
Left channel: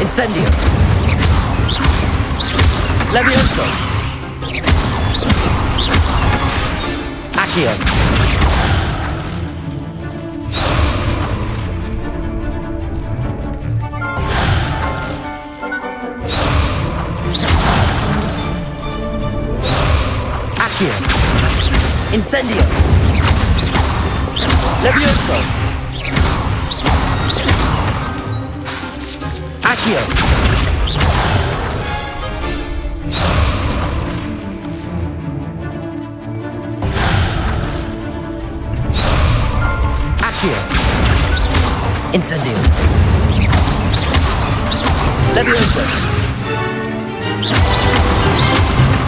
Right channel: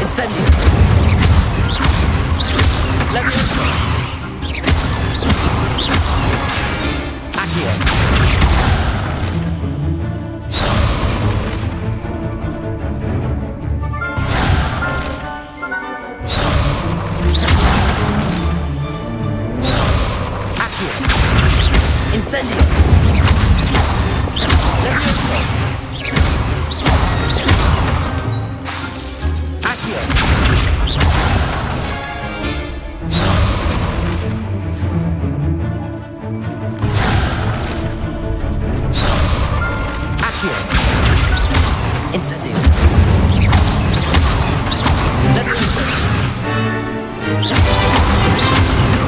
Incendio. Levioso. Accio. Accio. Incendio. Levioso. Accio. Accio. Incendio. Levioso.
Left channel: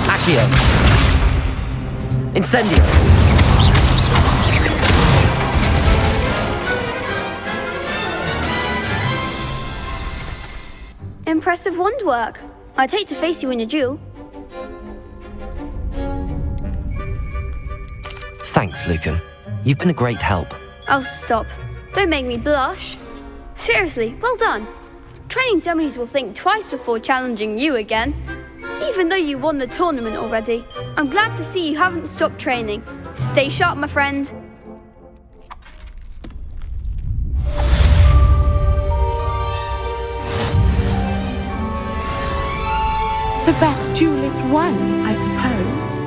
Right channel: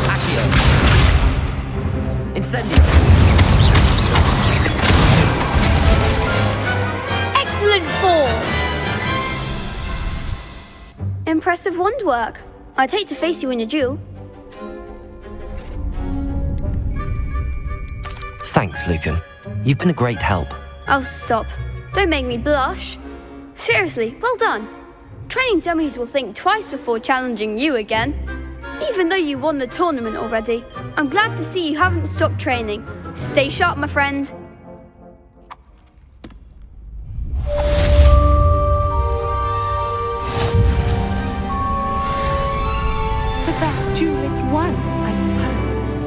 Accio. Incendio. Excellent form. Impressive wand work. I'd hate to face you in a duel. Thanks, Lucan. You've been a great help. Oh, stop. Don't make me blush. Seriously, well done. Training dummies will think twice before challenging you again. Even though you won the tournament already, I'm glad to see you haven't stopped training. Stay sharp, my friend. The best duelist won, I suppose.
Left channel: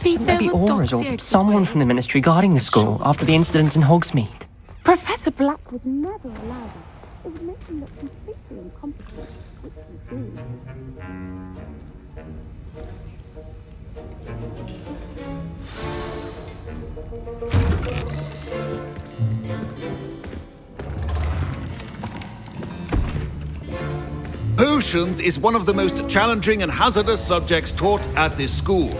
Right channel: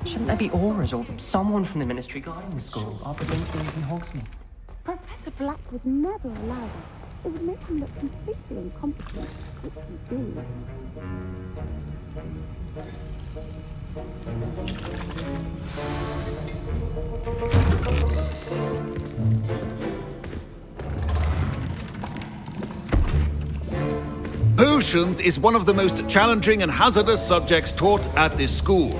Shouldn't there be Auras or someone from the Ministry guarding the school after the incident in Hogsmeade? Professor Black would never allow that. It would make him look completely incompetent, which you do. Potions is one of the most challenging and hazardous subjects taught at this school.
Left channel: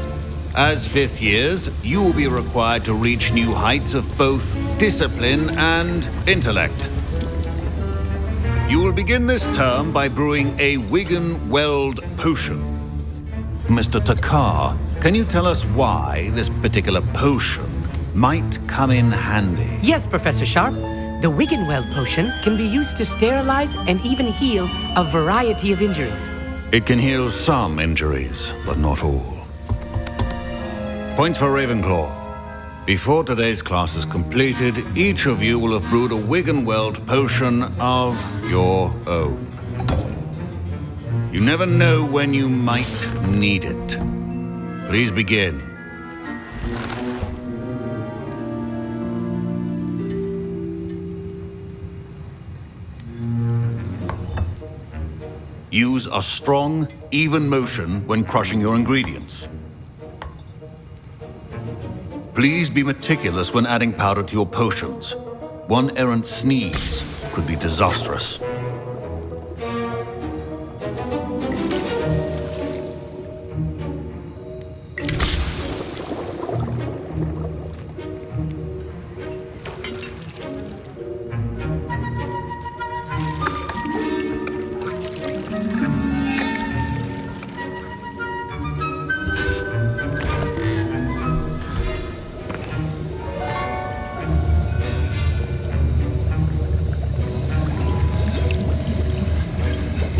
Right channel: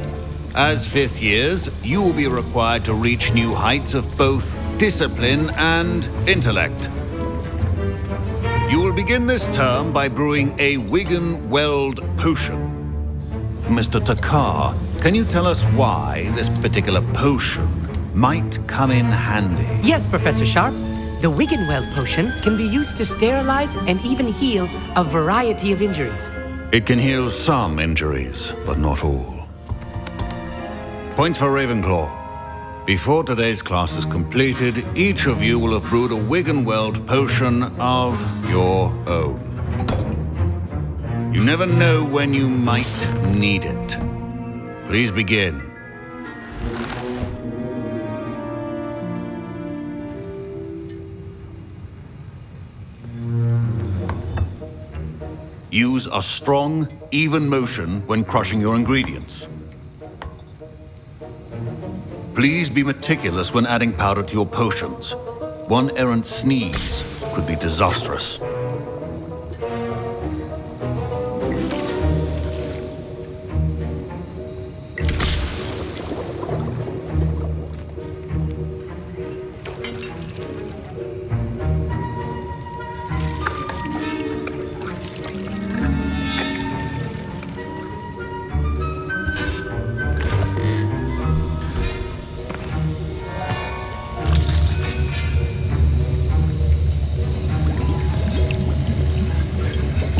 As fifth years, you will be required to reach new heights of both discipline and intellect. You will begin this term by brewing a Wigan Weld potion. Mr. Takar, can you tell us why this particular potion might come in handy? Yes, Professor Sharp. The Wiggenweld potion can be used to sterilize and even heal a variety of injuries. It can heal some injuries, but not all. Points for Ravenclaw. Before today's class is completed, each of you will have brewed a Wiggenweld potion of your own. You never know when you might need it. Please begin. Use a strong, even motion when crushing your ingredients. Please be meticulous when adding powder to your potions. One errant sneeze could be disastrous.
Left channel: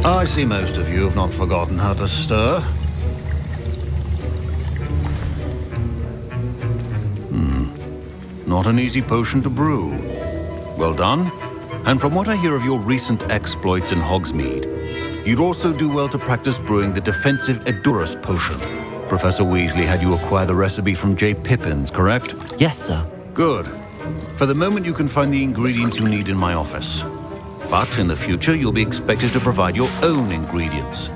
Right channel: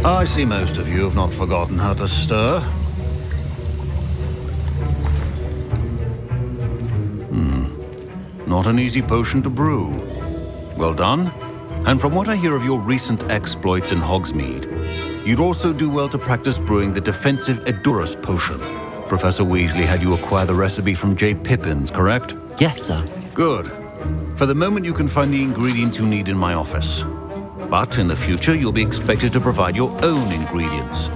I see most of you have not forgotten how to stir. Not an easy potion to brew. Well done. And from what I hear of your recent exploits in Hogsmeade, you'd also do well to practice brewing the defensive Edurus potion. Professor Weasley had you acquire the recipe from J. Pippins, correct? Yes, sir. Good. For the moment, you can find the ingredients you need in my office. But in the future, you'll be expected to provide your own ingredients.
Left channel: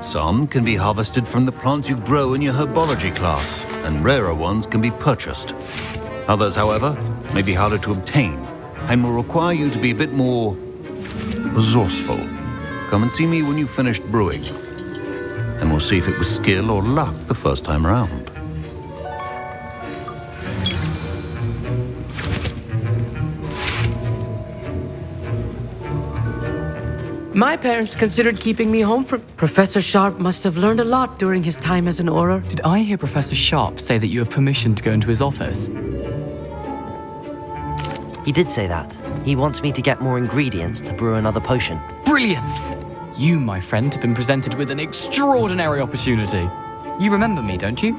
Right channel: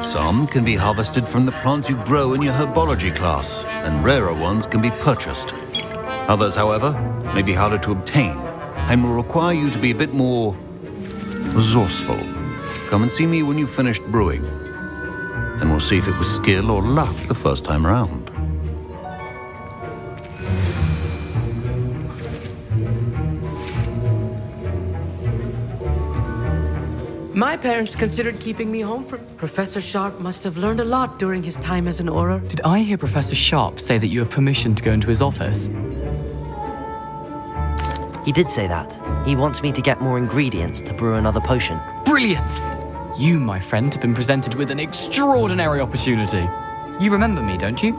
Some can be harvested from the plants you grow in your Herbology class, and rarer ones can be purchased. Others, however, may be harder to obtain, and will require you to be a bit more resourceful. Come and see me when you've finished brewing, and we'll see if it was skill or luck the first time round. My parents considered keeping me home from... Professor Sharp must have learned a lot during his time as an Auror. Did I hear Professor Sharp say that you have permission to go into his office? He did say that. He wants me to get more ingredients to brew another potion. Brilliant! You, my friend, have been presented with an extraordinary opportunity. You remember me, don't you?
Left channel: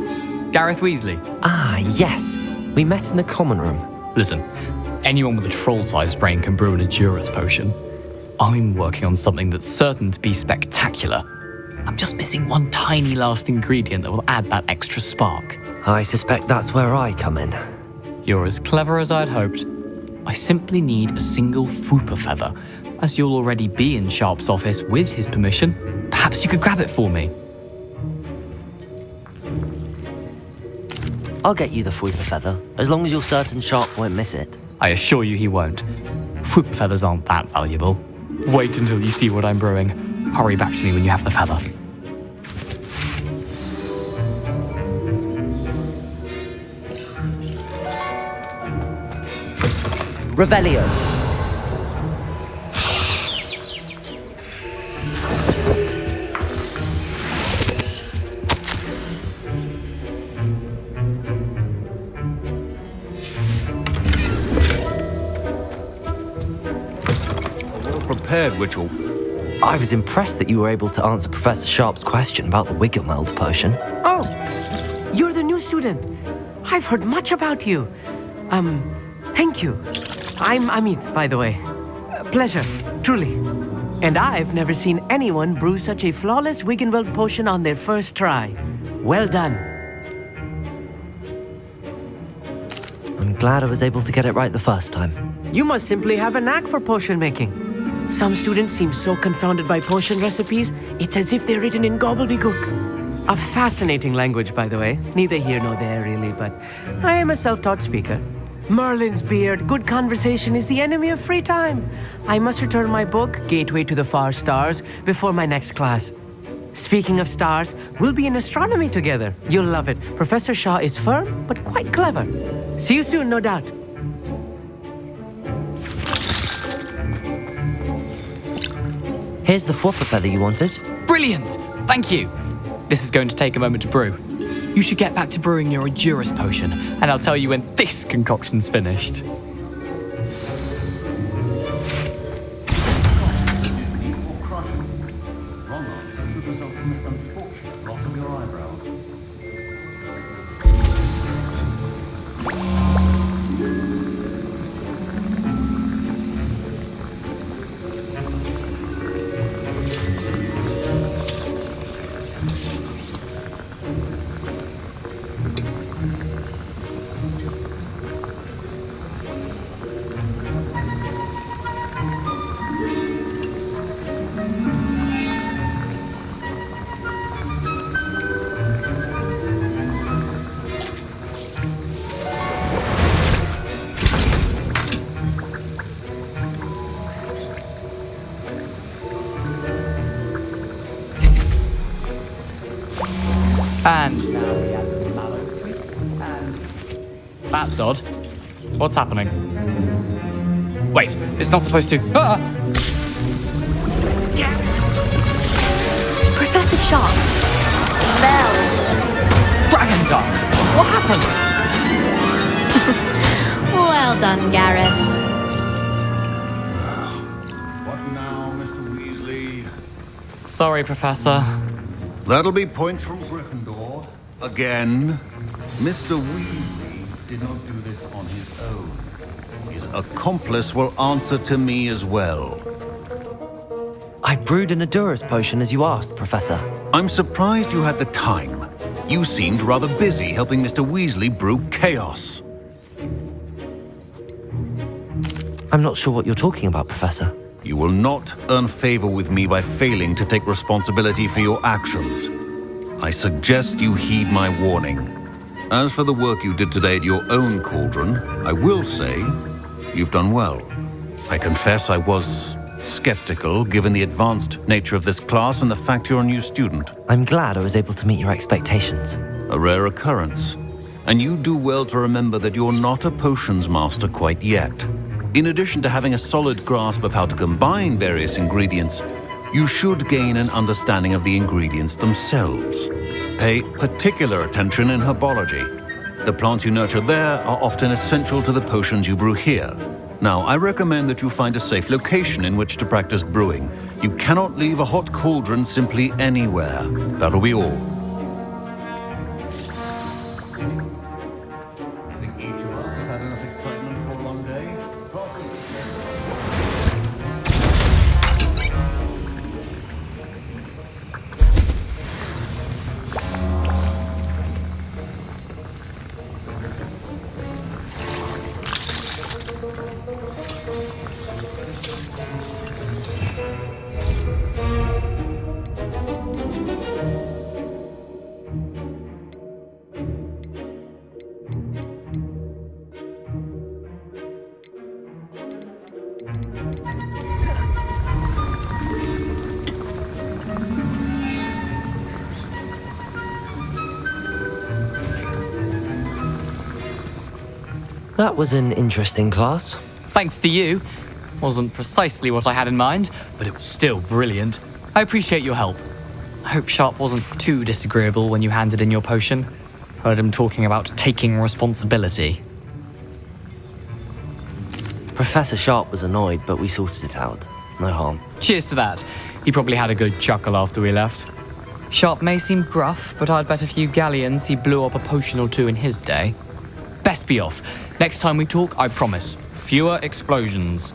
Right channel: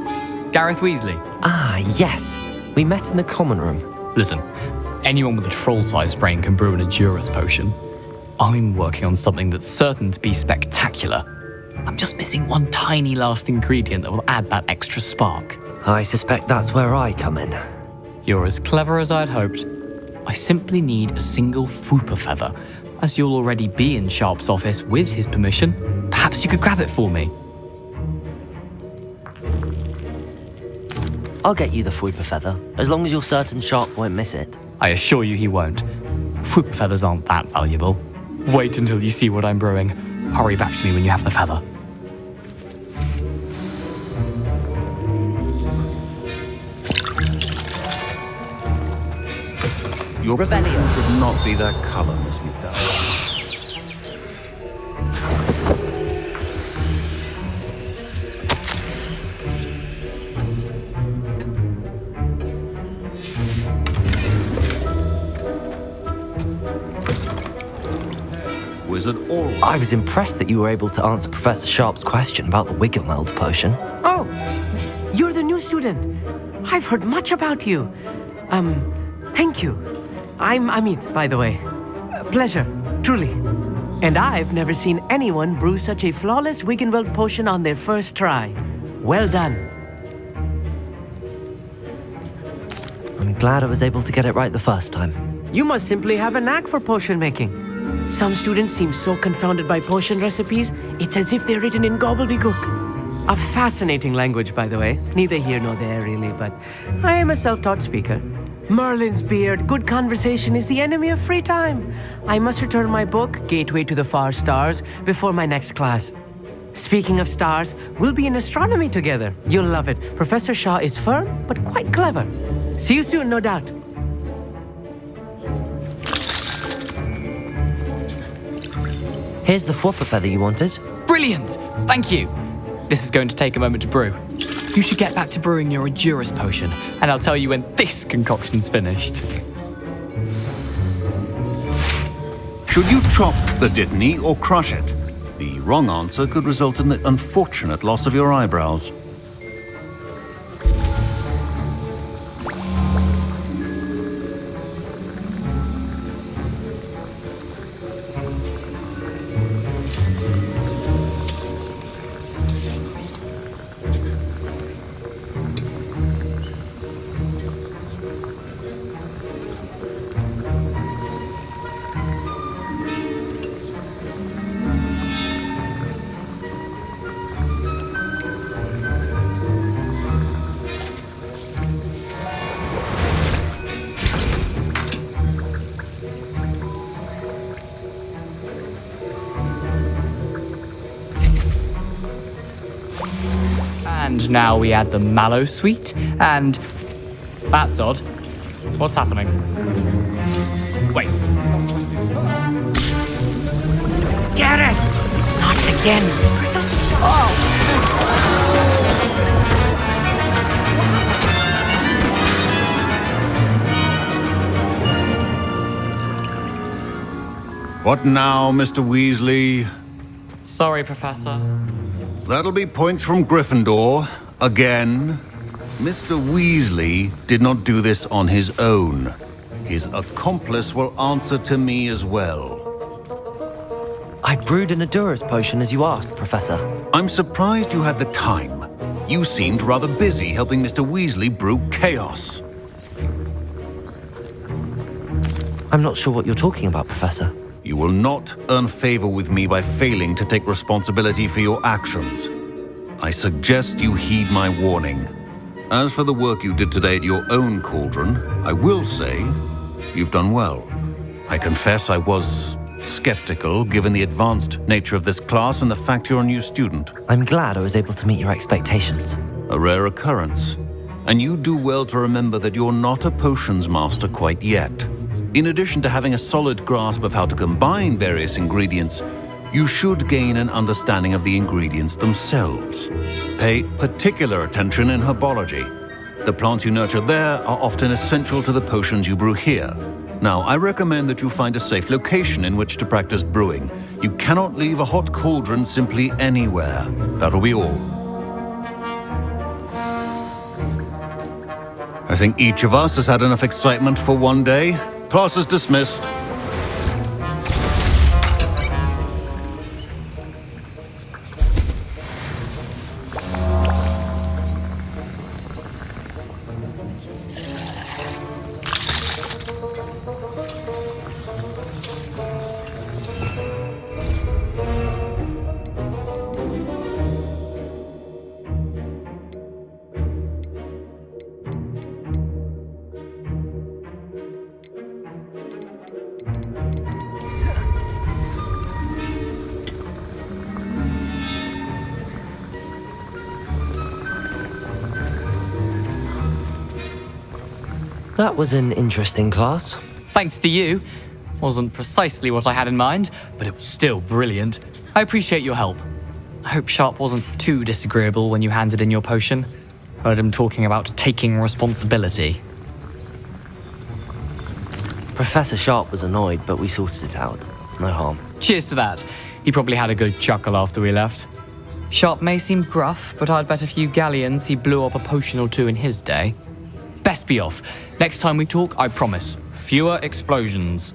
Gareth Weasley. Ah, yes. We met in the common room. Listen, anyone with a troll-sized brain can brew an Edurus potion. I'm working on something that's certain to be spectacular. I'm just missing one tiny last ingredient that will add that extra spark. I suspect that's where I come in. You're as clever as I'd hoped. I simply need a single Fwooper feather. As you'll already be in Sharp's office with his permission, perhaps you could grab it for me. I'll get you the Fwooper feather, as long as you're certain Sharp won't miss it. I assure you he won't. Fwooper feathers aren't that valuable. Wait until you see what I'm brewing. Hurry back to me when you have the feather. Your Revelio. will not be that color, Miss Mika. Prepared witch or wizard or... I was impressed that you were able to answer Professor Sharp's question about the Wiggenweld potion. Oh, you're the new student. I've heard much about you. Thank you. I'm Amit, by the way. Pleasure, truly. And I've never seen anyone brew such a flawless Wiggenweld potion on their first try. Well done. I'm glad I was able to get it right the first time. You must simply have a knack for potion making. Some students seem so confounded by potion recipes, it's as if they're written in gobbledygook. A fascinating language, by the way. Neither here nor there, really, but I am a self-taught speaker. Merlin's beard, good conversation is the enemy of free time. I must return my book, Gateway to the Far Stars, before my next class. Speaking of stars, we'll be in astronomy together. You'll love it. Professor Shaw is firm, but quite clever. See you soon, no doubt. Here's the Fwooper feather you wanted. Brilliant! Thank you. This is going to take a moment to brew. You should get back to brewing your Endurance potion, and I'll tell you when this concoction's finished. Should you chop the Dittany or crush it? The wrong answer could result in the unfortunate loss of your eyebrows. And now we add the mallow sweet, and... That's odd. What's happening? Wait, it's not supposed to... Ah! Get it! Professor Sharp. Dragonstone! What happened? Well done, Gareth. What now, Mr. Weasley? Sorry, Professor. That'll be points from Gryffindor. Again. Mr. Weasley did not do this on his own. His accomplice will answer to me as well. I brewed an Endurance potion as you asked, Professor. I'm surprised you had the time. You seemed rather busy helping Mr. Weasley brew chaos. I'm not sure what you're talking about, Professor. You will not earn favor with me by failing to take responsibility for your actions. I suggest you heed my warning. As for the work you did today at your own cauldron, I will say you've done well. I confess I was skeptical given the advanced nature of this class and the fact you're a new student. I'm glad I was able to meet your expectations. A rare occurrence. And you do well to remember that you're not a potions master quite yet. In addition to having a solid grasp of how to combine various ingredients, you should gain an understanding of the ingredients themselves. Pay particular attention in herbology. The plants you nurture there are often essential to the potions you brew here. Now, I recommend that you find a safe location in which to practice brewing. You cannot leave a hot cauldron simply anywhere. That'll be all. I think each of us has had enough excitement for one day. Class is dismissed. That was an interesting class. Thanks to you. Wasn't precisely what I had in mind, but it was still brilliant. I appreciate your help. I hope Sharp wasn't too disagreeable when you handed in your potion. Heard him talking about taking responsibility. Professor Sharp was annoyed, but we sorted it out. No harm. Cheers to that. He probably had a good chuckle after we left. Sharp may seem gruff, but I'd bet a few galleons he blew up a potion or two in his day. Best be off. Next time we talk, I promise, fewer explosions.